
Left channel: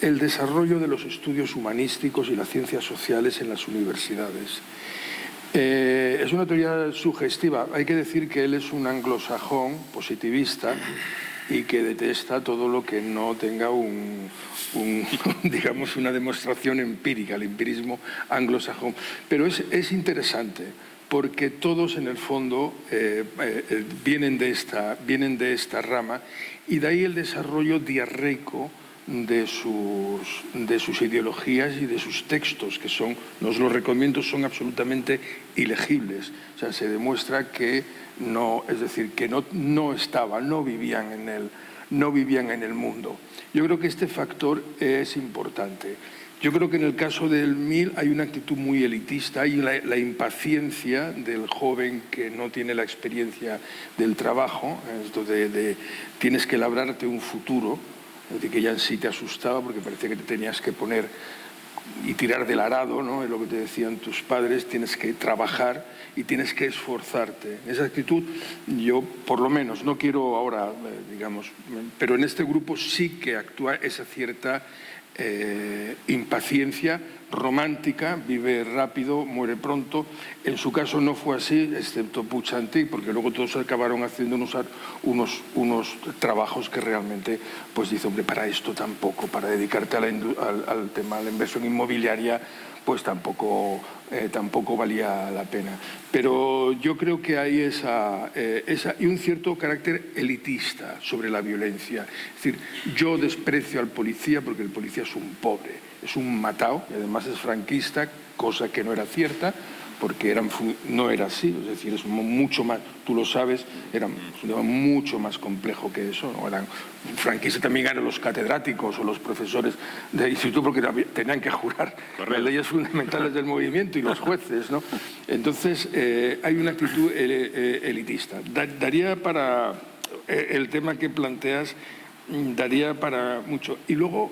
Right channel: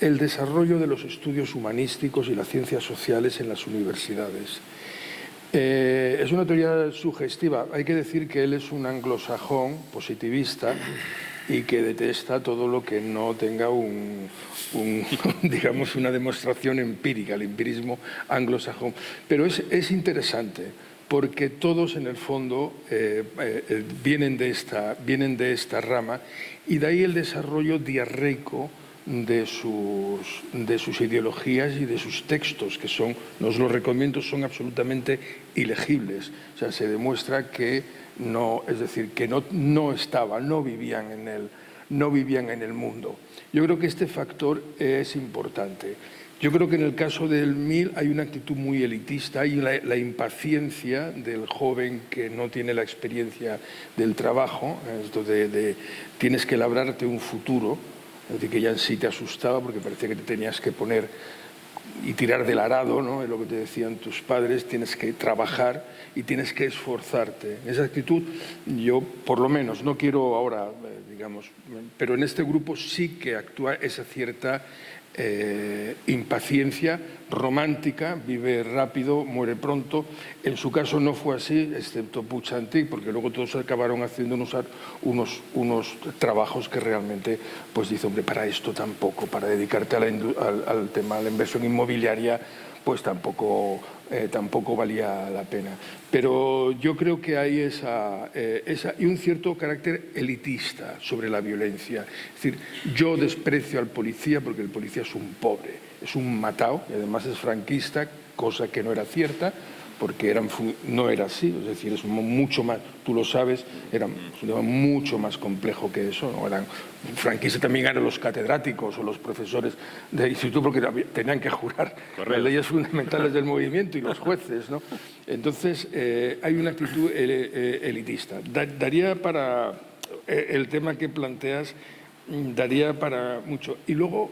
el desarrollo de los estudios humanísticos y las ciencias sociales en las universidades. Es una teoría sugestiva. Hay que decir que él es un anglosajón positivista y que detesta todo lo que no tenga digamos, una demostración empírica, el empirismo anglosajón. Pero es interesante porque todos en el fondo vienen de esta rama y de ahí el desarrollo diarreico de sus ideologías y de sus textos, que los recomiendo, son absolutamente ilegibles. O sea, se demuestra que no vivían en el mundo. Yo creo que este factor es importante. Yo creo que en el caso del MIL hay una actitud muy elitista y la impaciencia del joven que no tiene la experiencia del trabajo, esto de tienes que labrarte un futuro. Es decir, que ya en sí te asustaba porque parecía que te tenías que poner y tirar del arado, ¿no? Es lo que te decían tus padres, tienes que trabajar y tienes que esforzarte. Esa actitud, yo por lo menos, no quiero ahora, digamos, pero en este grupo sí que actúa esa cierta impaciencia romántica, vive rápido, muere pronto. En su caso no fue así, excepto Puig-Antich, porque luego todos acabaron haciendo unos trabajos que realmente, pues dice, hombre, para esto tampoco, para dedicarte al tema de la inversión inmobiliaria, pues tampoco valía la pena. Pero yo creo que hay y un cierto carácter elitista sobre la violencia. Es decir, yo desprecio al policía porque el policía es un pobre, es un matao, y además es franquista, cosa que no era cierta, porque no era así, es decir, es mucho más, tú lo sabes, era mucho más complejo que eso, ¿no? Franquistas también eran los catedráticos o los profesores del instituto porque tenían que jurar las leyes fundamentales del movimiento y los jueces, ¿no? Entonces, hay una actitud elitista. Daría para el tema que planteas, daría para mucho. Y luego,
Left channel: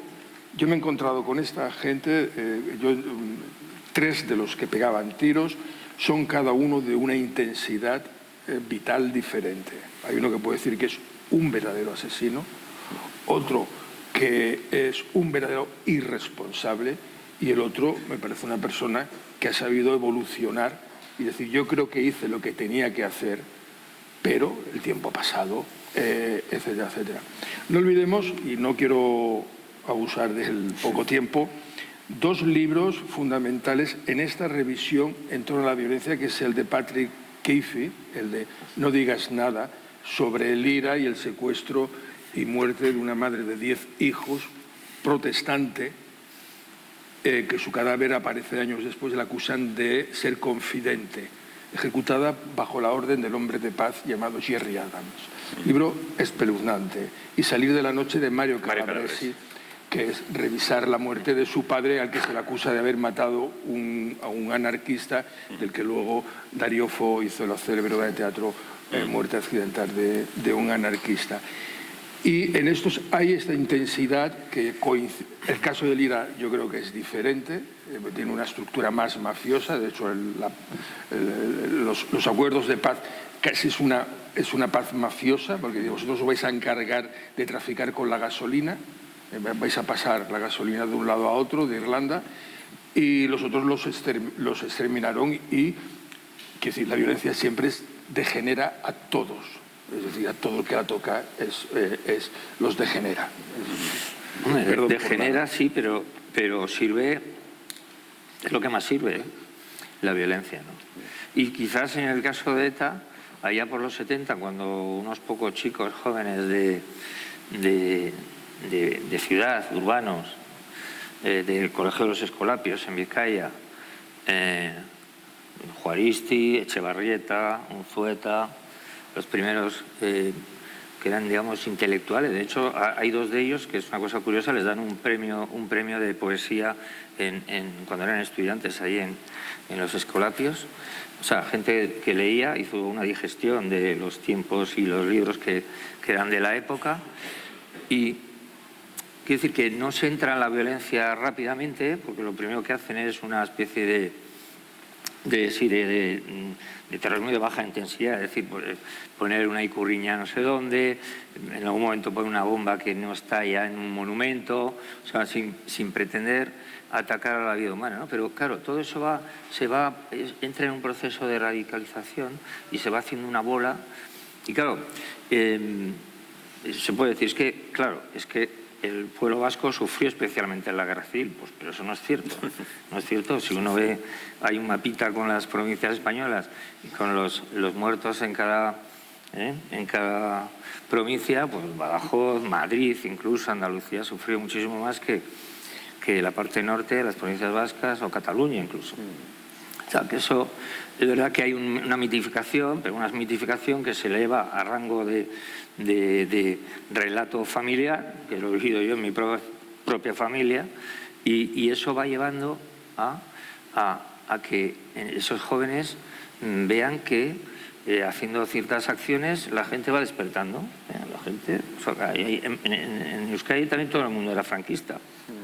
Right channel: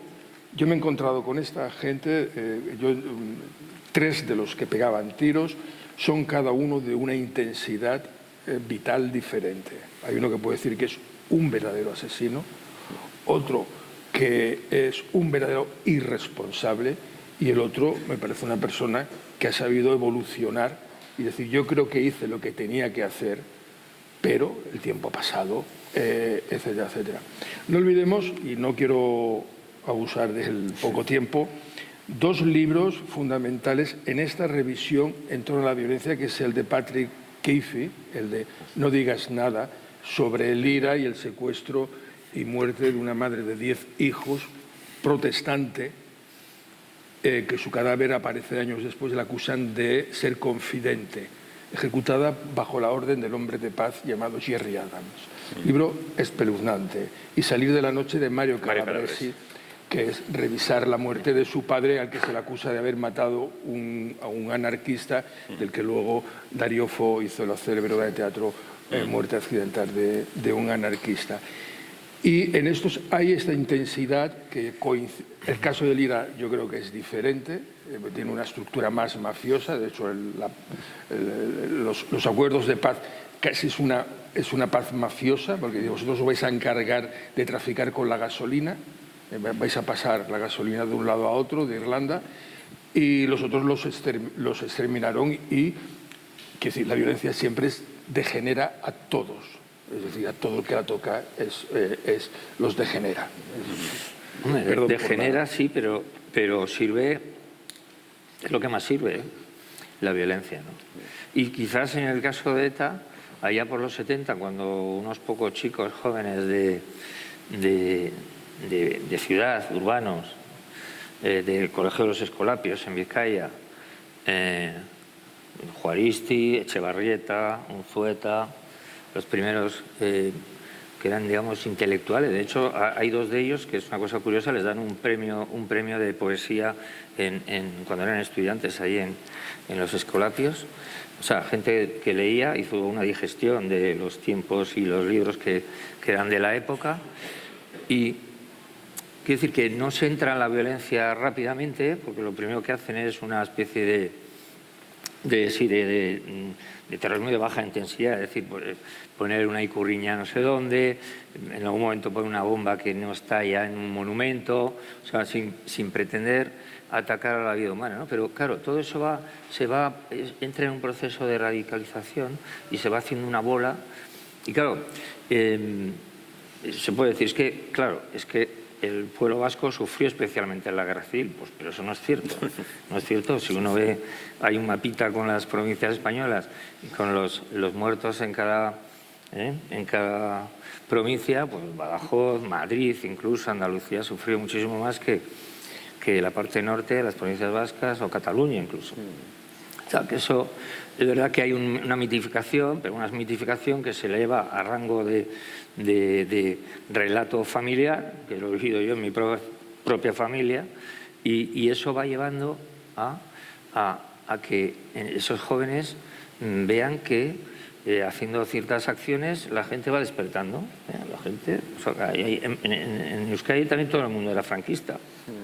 yo me he encontrado con esta gente, 3 de los que pegaban tiros son cada uno de una intensidad vital diferente. Hay uno que puede decir que es un verdadero asesino, otro que es un verdadero irresponsable y el otro me parece una persona que ha sabido evolucionar y decir, yo creo que hice lo que tenía que hacer, pero el tiempo ha pasado, etcétera, etcétera. No olvidemos, y no quiero abusar del poco tiempo, dos libros fundamentales en esta revisión en torno a la violencia, que es el de Patrick Keefe, el de No digas nada, sobre el IRA y el secuestro y muerte de una madre de 10 hijos, protestante, que su cadáver aparece años después, la acusan de ser confidente, ejecutada bajo la orden del hombre de paz llamado Jerry Adams. Libro espeluznante. Y Salir de la noche, de Mario Calabresi, que es revisar la muerte de su padre, al que se le acusa de haber matado a un anarquista, del que luego Darío Fo hizo la célebre obra de teatro Muerte accidental de un anarquista. Y en estos hay esta intensidad que el caso del IRA yo creo que es diferente, tiene una estructura más mafiosa, de hecho los acuerdos de paz casi es una paz mafiosa, porque vosotros os vais a encargar de traficar con la gasolina, vais a pasar la gasolina de un lado a otro, de Irlanda, y los otros los exterminaron y quiero decir, la violencia siempre degenera a todos. Es decir, a todo el que la toca los degenera. Degenera, sí, pero sirve, es lo que más sirve, la violencia, ¿no? Y quizás en el caso de ETA, allá por los 70, cuando unos pocos chicos jóvenes de ciudad, urbanos, del Colegio de los Escolapios en Vizcaya, Juaristi, Echevarrieta, Unzueta, los primeros que eran, digamos, intelectuales. De hecho, hay dos de ellos, que es una cosa curiosa, les dan un premio de poesía cuando eran estudiantes ahí en los Escolapios. O sea, gente que leía, hizo una digestión de los tiempos y los libros que eran de la época. Y quiero decir que no se entra en la violencia rápidamente, porque lo primero que hacen es una especie de terrorismo de baja intensidad, es decir, poner una icurriña no sé dónde, en algún momento poner una bomba que no está ya en un monumento, o sea, sin pretender atacar a la vida humana, ¿no? Pero claro, todo eso entra en un proceso de radicalización y se va haciendo una bola, y claro, se puede decir, es que el pueblo vasco sufrió especialmente en la guerra civil, pues, pero eso no es cierto. No es cierto. Si uno ve, hay un mapita con las provincias españolas y con los muertos en cada provincia, pues Badajoz, Madrid, incluso Andalucía sufrió muchísimo más que la parte norte de las provincias vascas o Cataluña incluso. O sea, que eso, de verdad que hay una mitificación, pero una mitificación que se eleva a rango de relato familiar, que lo he vivido yo en mi propia familia, y eso va llevando a que esos jóvenes vean que haciendo ciertas acciones la gente va despertando. La gente, en Euskadi también todo el mundo era franquista,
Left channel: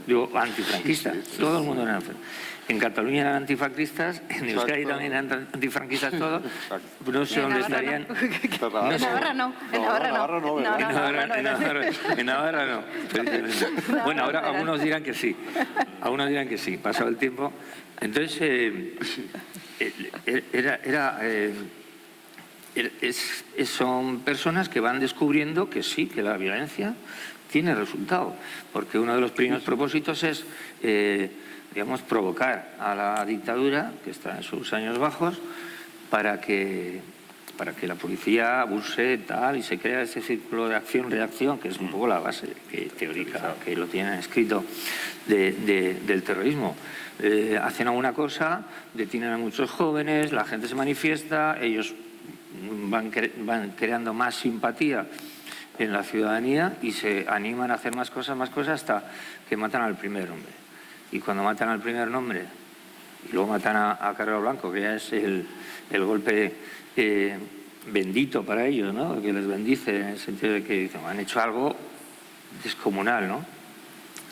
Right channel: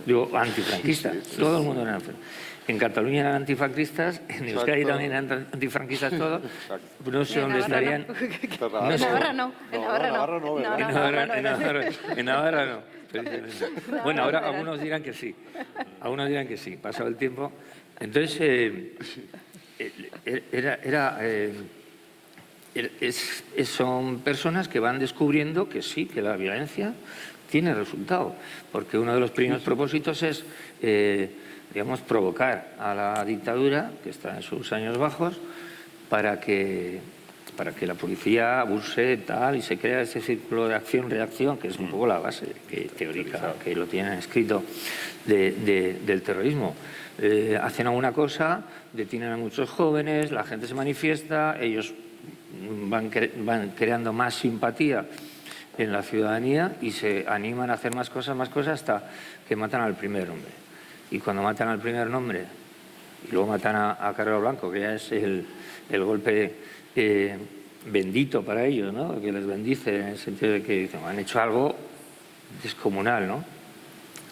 digo antifranquista, todo el mundo era franquista. En Cataluña eran antifranquistas, en Euskadi también eran antifranquistas todos, no sé dónde estarían. En Navarra no. En Navarra no. Bueno, ahora algunos dirán que sí, pasado el tiempo. Entonces, son personas que van descubriendo que sí, que la violencia tiene resultado, porque uno de los primeros propósitos es digamos, provocar a la dictadura, que está en sus años bajos, para que la policía abuse tal y se crea ese círculo de acción-reacción, que es un poco la base teórica que lo tienen escrito del terrorismo. Hacen alguna cosa, detienen a muchos jóvenes, la gente se manifiesta, ellos van creando más simpatía en la ciudadanía y se animan a hacer más cosas hasta que matan al primer hombre. Y cuando matan al primer hombre y luego matan a Carrero Blanco, que ya es el golpe bendito para ellos, ¿no? Que les bendice en el sentido de que dicen, han hecho algo descomunal, ¿no?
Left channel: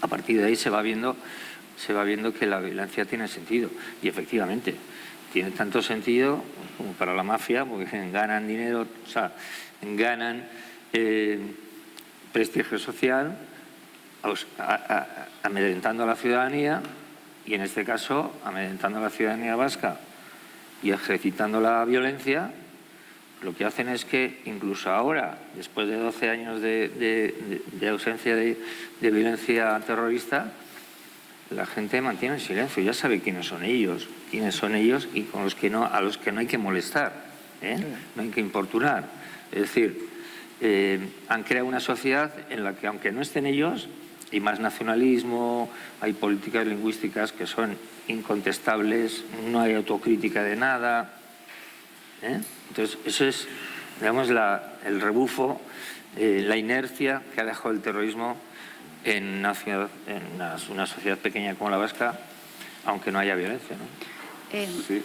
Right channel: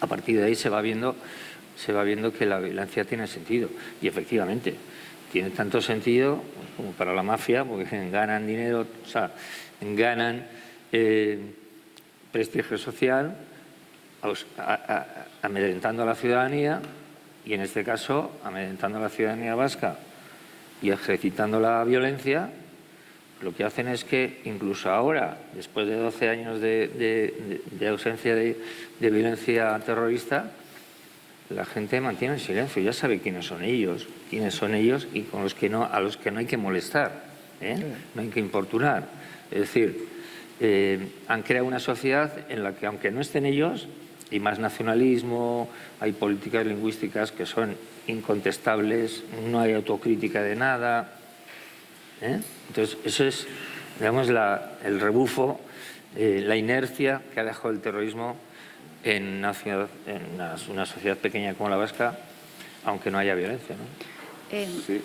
A partir de ahí se va viendo que la violencia tiene sentido. Y efectivamente, tiene tanto sentido como para la mafia, porque ganan dinero, o sea, ganan prestigio social, amedrentando a la ciudadanía, y en este caso amedrentando a la ciudadanía vasca y ejercitando la violencia, lo que hacen es que incluso ahora, después de 12 años de ausencia de violencia terrorista, la gente mantiene el silencio, ya sabe quiénes son ellos y con los que no, a los que no hay que molestar, no hay que importunar. Es decir, han creado una sociedad en la que, aunque no estén ellos, hay más nacionalismo, hay políticas lingüísticas que son incontestables, no hay autocrítica de nada. Entonces, eso es, digamos, el rebufo, la inercia que ha dejado el terrorismo en una sociedad pequeña como la vasca, aunque no haya violencia, ¿no? Sí,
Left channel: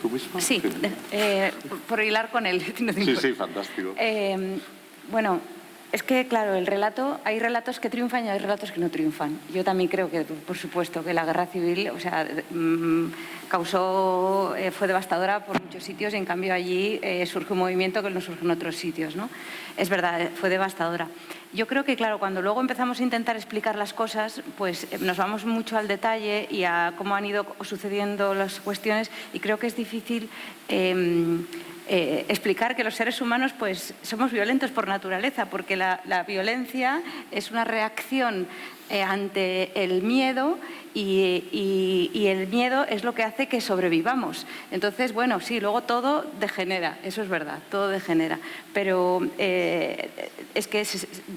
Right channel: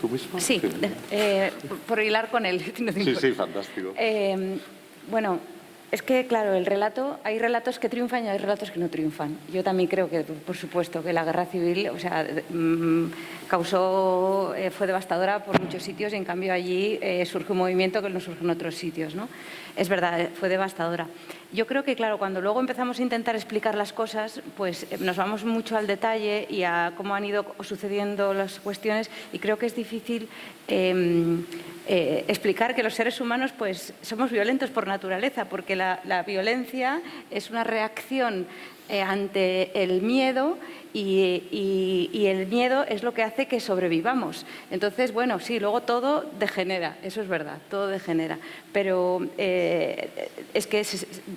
¿tú mismo? Sí, por hilar con él. Sí, fantástico. Bueno, es que, claro, el relato, hay relatos que triunfan y hay relatos que no triunfan. Yo también creo que, por supuesto, que la guerra civil, o sea, fue devastadora por muchos sitios y, en cambio, allí surge un movimiento que no surge en otros sitios, ¿no? Es verdad, fue devastadora. Yo creo que, claro, cuando luego empezamos a intentar explicar las cosas, pues nos vamos mucho al detalle y a cómo han ido sucediendo las cuestiones, y creo que es difícil explicar que los seres humanos pues somos violentos por naturaleza, porque la violencia es una reacción ante el miedo y el miedo es lo que hace que sobrevivamos. Entonces, bueno, sí, luego todo degenera, eso es verdad, todo degenera. Pero es que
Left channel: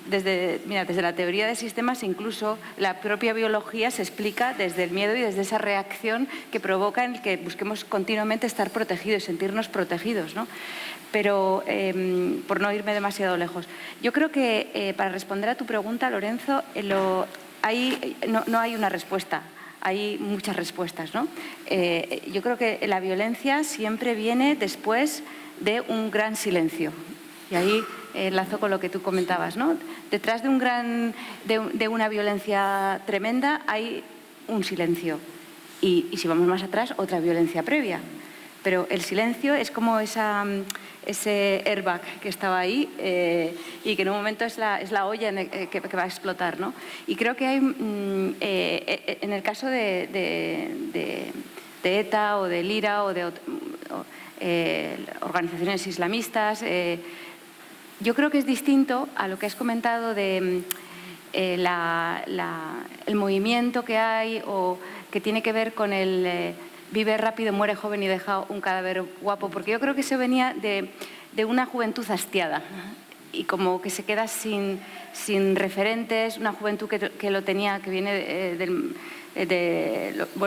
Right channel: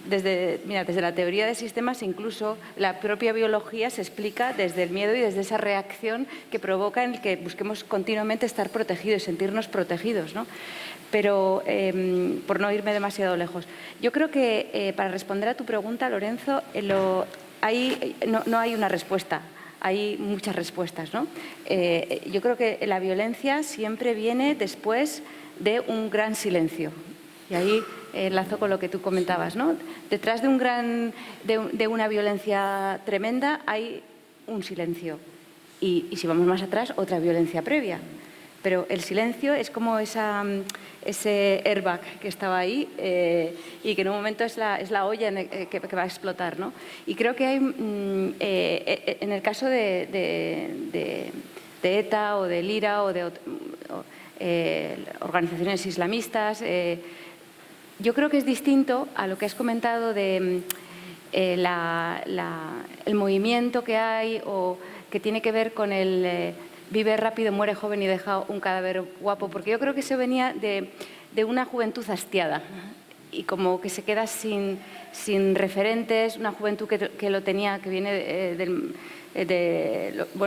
desde la teoría de sistemas, incluso la propia biología se explica desde el miedo y desde esa reacción que provoca en el que busquemos continuamente estar protegidos, sentirnos protegidos, ¿no? Pero, por no irme demasiado lejos, yo creo que para responder a tu pregunta, Lorenzo, no hay una respuesta, hay muchas respuestas, ¿no? Yo creo que la violencia siempre viene después de un gran silencio. Y ahí enlazo con lo que tú comentabas, ¿no? Detrás de una violencia tremenda hay un silencio. Y si vamos más atrás, otra violencia previa. Pero el silencio es como ese airbag que estaba ahí y que en un momento es la olla que va a explotar, ¿no? Y creo que hay, en el caso de ETA o de Lira o de organizaciones islamistas, yo creo que es distinto a lo que has comentado de el movimiento que hay o que tiene que ver con el vive rápido, muere joven y deja un cadáver guapo, porque yo creo que eso venía de una juventud hastiada y como que se queda sin referentes, una juventud que lo tenía, que viene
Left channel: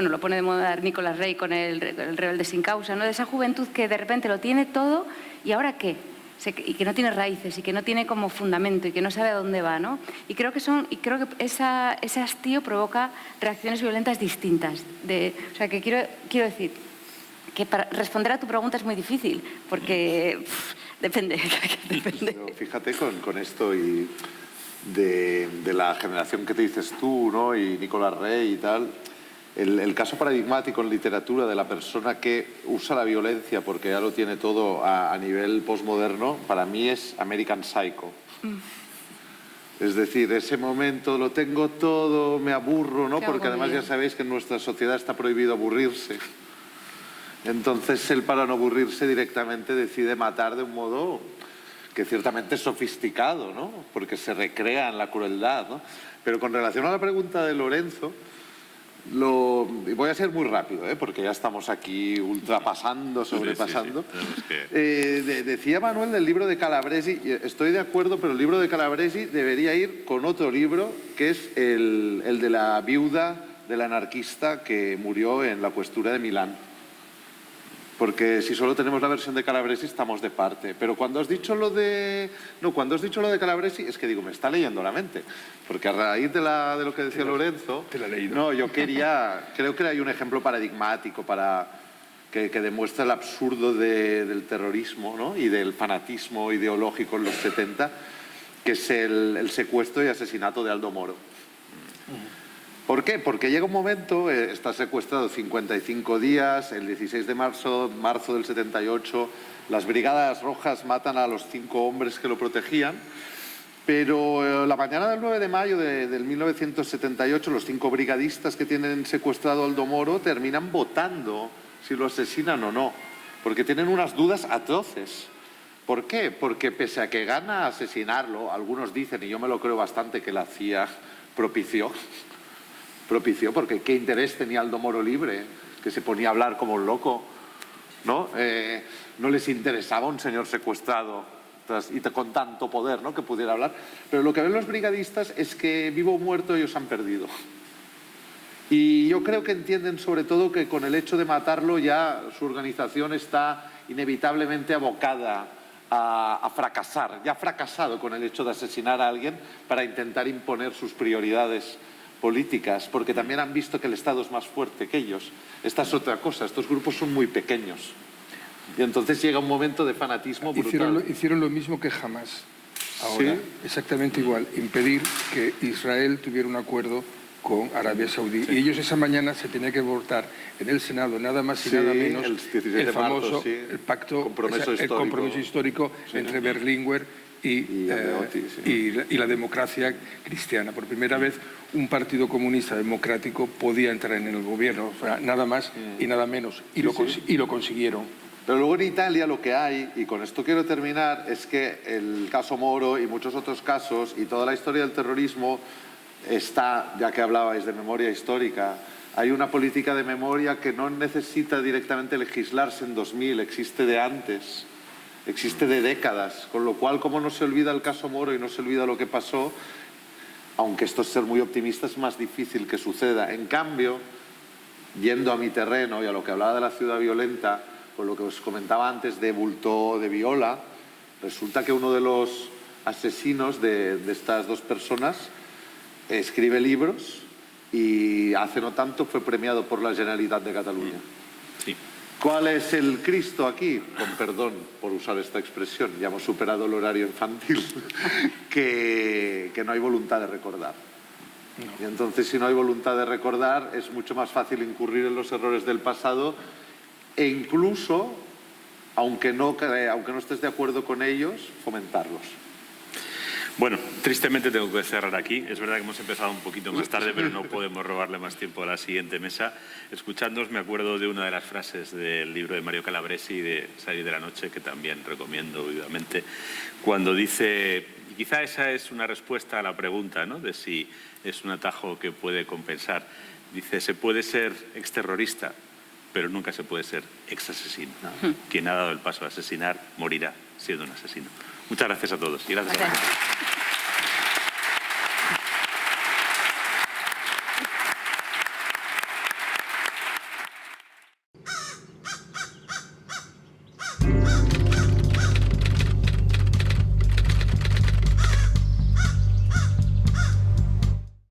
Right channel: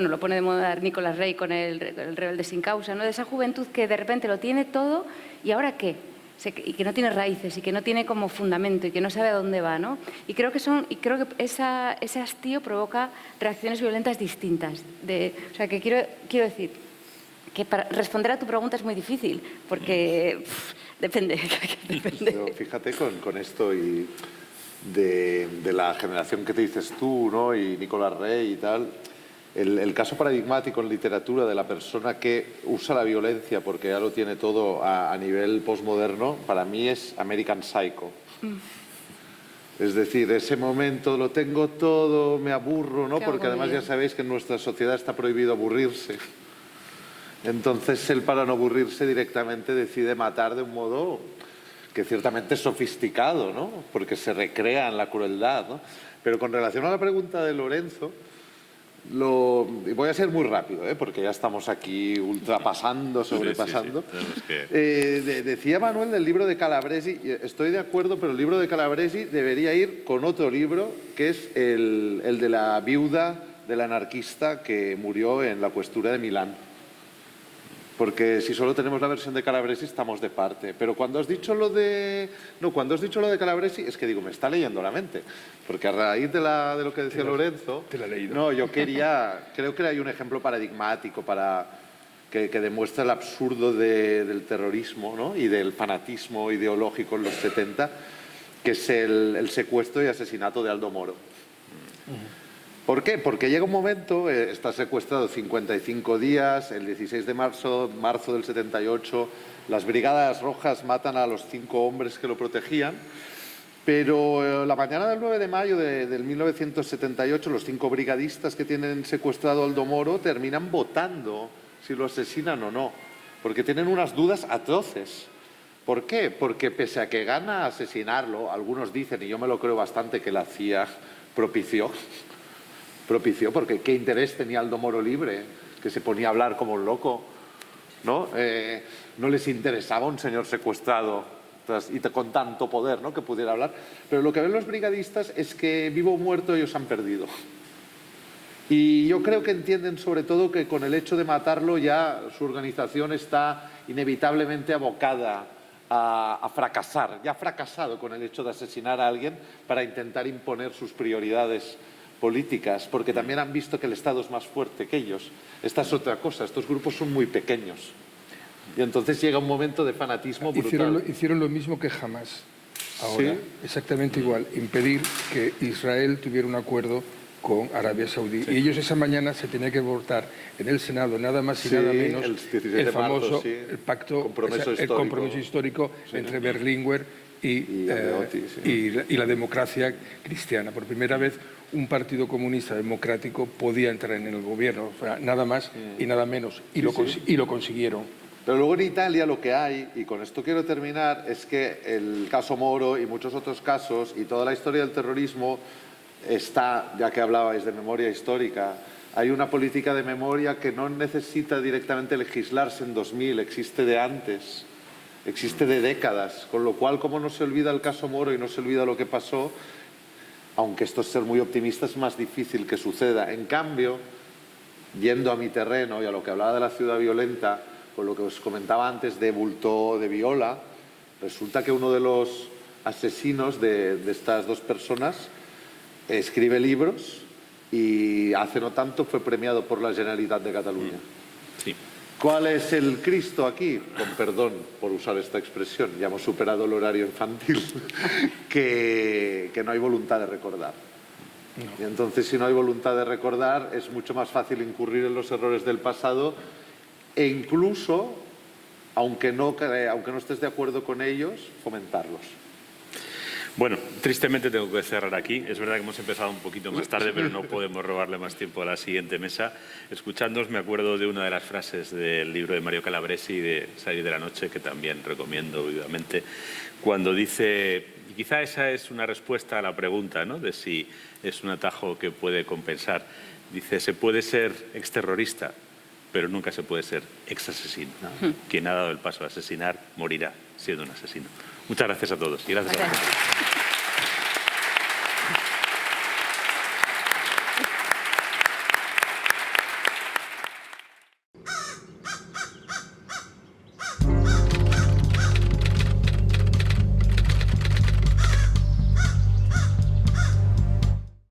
lo pone de moda Nicolás Rey con el Rebelde sin causa, ¿no? De esa juventud que de repente lo tiene todo y ¿ahora qué? Y que no tiene raíces y que no tiene como fundamento y que no sabe a dónde va, ¿no? Y creo que ese hastío provoca reacciones violentas distintas. O sea, que quiero decir que para responder a tu pregunta es muy difícil, porque depende. Pero fíjate con esto y de la generación que te dices tú, ¿no? Y Nicolás Rey y tal. El caso paradigmático en literatura de la persona que usa la violencia porque ya lo tiene todo a nivel postmoderno, para mí es American Psycho. Es decir, ese momento lo tengo todo, me aburro, ¿no? Porque además ya sabéis que en nuestra sociedad está prohibido aburrirse. Entonces él, para no aburrirse directamente, decide matar de un modo que ciertamente es sofisticado, ¿no? Porque se recrea en la crueldad, ¿no? Pero con relación a la pregunta de Lorenzo, voy a ser muy rápido, porque ya estamos aquí ultrapasando, sobrepasando. Sí. Decía Manuel del libro de Calabresi, y estoy de acuerdo, pero el libro de Calabresi debería ir con otro libro, que es el de la viuda del anarquista que murió en la cuestura de Milán. Porque si solo tenemos la versión de Calabresi estamos de parte. Pero cuando has dicho lo de Calabresi, es que digo, me está leyendo la mente. Porque a raíz de lo que decía Lorenzo, te la he leído. No, creo que hay un ejemplo paradigmático para que demuestra el absurdo del terrorismo, ¿no? Y del fanatismo ideológico en los 70, que es el secuestro y asesinato de Aldo Moro. ¿Por qué? Porque llega un momento, está secuestrado 55 días, el 16 de marzo del 78, las Brigadas Rojas matan a los 5 hombres que lo protegían, pero la mañana del 9 de mayo del 1978, los 5 brigadistas que tienen secuestrado a Aldo Moro terminan votando si lo asesinan o no. porque tienen unas dudas atroces. ¿Por qué? Porque pese a que gana asesinarlo, algunos dicen, y yo me lo creo bastante, que la CIA propició, porque qué interés tenía Aldo Moro Libre, que se ponía a hablar como un loco, ¿no? No les interesaba un señor secuestrado y con tanto poder, ¿no?, que pudiera hablar. Pero lo que ven los brigadistas es que vivo o muerto ellos han perdido. Y yo creo que entienden sobre todo que con el hecho de matarlo ya su organización está inevitablemente abocada a fracasar. Ya ha fracasado con el hecho de asesinar a alguien para intentar imponer sus prioridades políticas, porque también han visto que el Estado es más fuerte que ellos. Esta es otra cosa, estos grupos son muy pequeños. Y entonces llega un momento de fanatismo brutal. Hicieron lo mismo que Hamas. Ahora, ¿Sí? exactamente igual, impedir que Israel tuviera un acuerdo con Arabia Saudí. Sí. Y ellos esa mañana se tenía que votar en el Senado nada más y nada menos el famoso el pacto, el compromiso histórico entre Berlinguer y la democracia cristiana. Por primera vez un partido comunista democrático podía entrar en el gobierno, o sea, nada más y nada menos, y lo consiguieron. Pero luego en Italia lo que hay, y con esto quiero terminar, es que el caso Moro y muchos otros casos y toda la historia del terrorismo está, ya que hablabais de memoria histórica, hay una política de memoria que no necesita directamente legislarse en 2000, existe de antes, existe de décadas, con lo cual como no se olvida el caso Moro y no se olvida lo que pasó, aunque esto es ser muy optimista, es más difícil que suceda. En cambio, yendo a mi terreno y a lo que hablaba de la ciudad violenta, con lo que os comentaba antes de Bultó, de Viola, resulta que uno de los asesinos de estas dos personas escribe libros y hace no tanto fue premiado por la Generalitat de Cataluña. Sí. ¿Cuál es el Cristo aquí? Con perdón por usar esta expresión, ya hemos superado el horario infantil, que no hay voluntad de recordar. Y entonces, si no hay voluntad de recordar, es mucho más fácil incurrir en los errores del pasado e incluso, aunque no estés de acuerdo con ellos, fomentarlos. Bueno, tristemente tengo que cerrar aquí. Es verdad que hemos empezado un poquito más tarde, pero no podemos robarle más tiempo a la siguiente mesa. Escuchándoos me acuerdo de una de las frases del libro de Mario Calabresi de Salir de la noche, que también recomiendo vivamente, cuando dice, y quizá esa es una respuesta a la pregunta, ¿no?, de si es un atajo que puede compensar. Dice, se puede ser exterrorista, pero nunca se puede ser exasesino. Quien ha dado el paso a asesinar morirá siendo un asesino. Muchas gracias a todos y gracias a todos.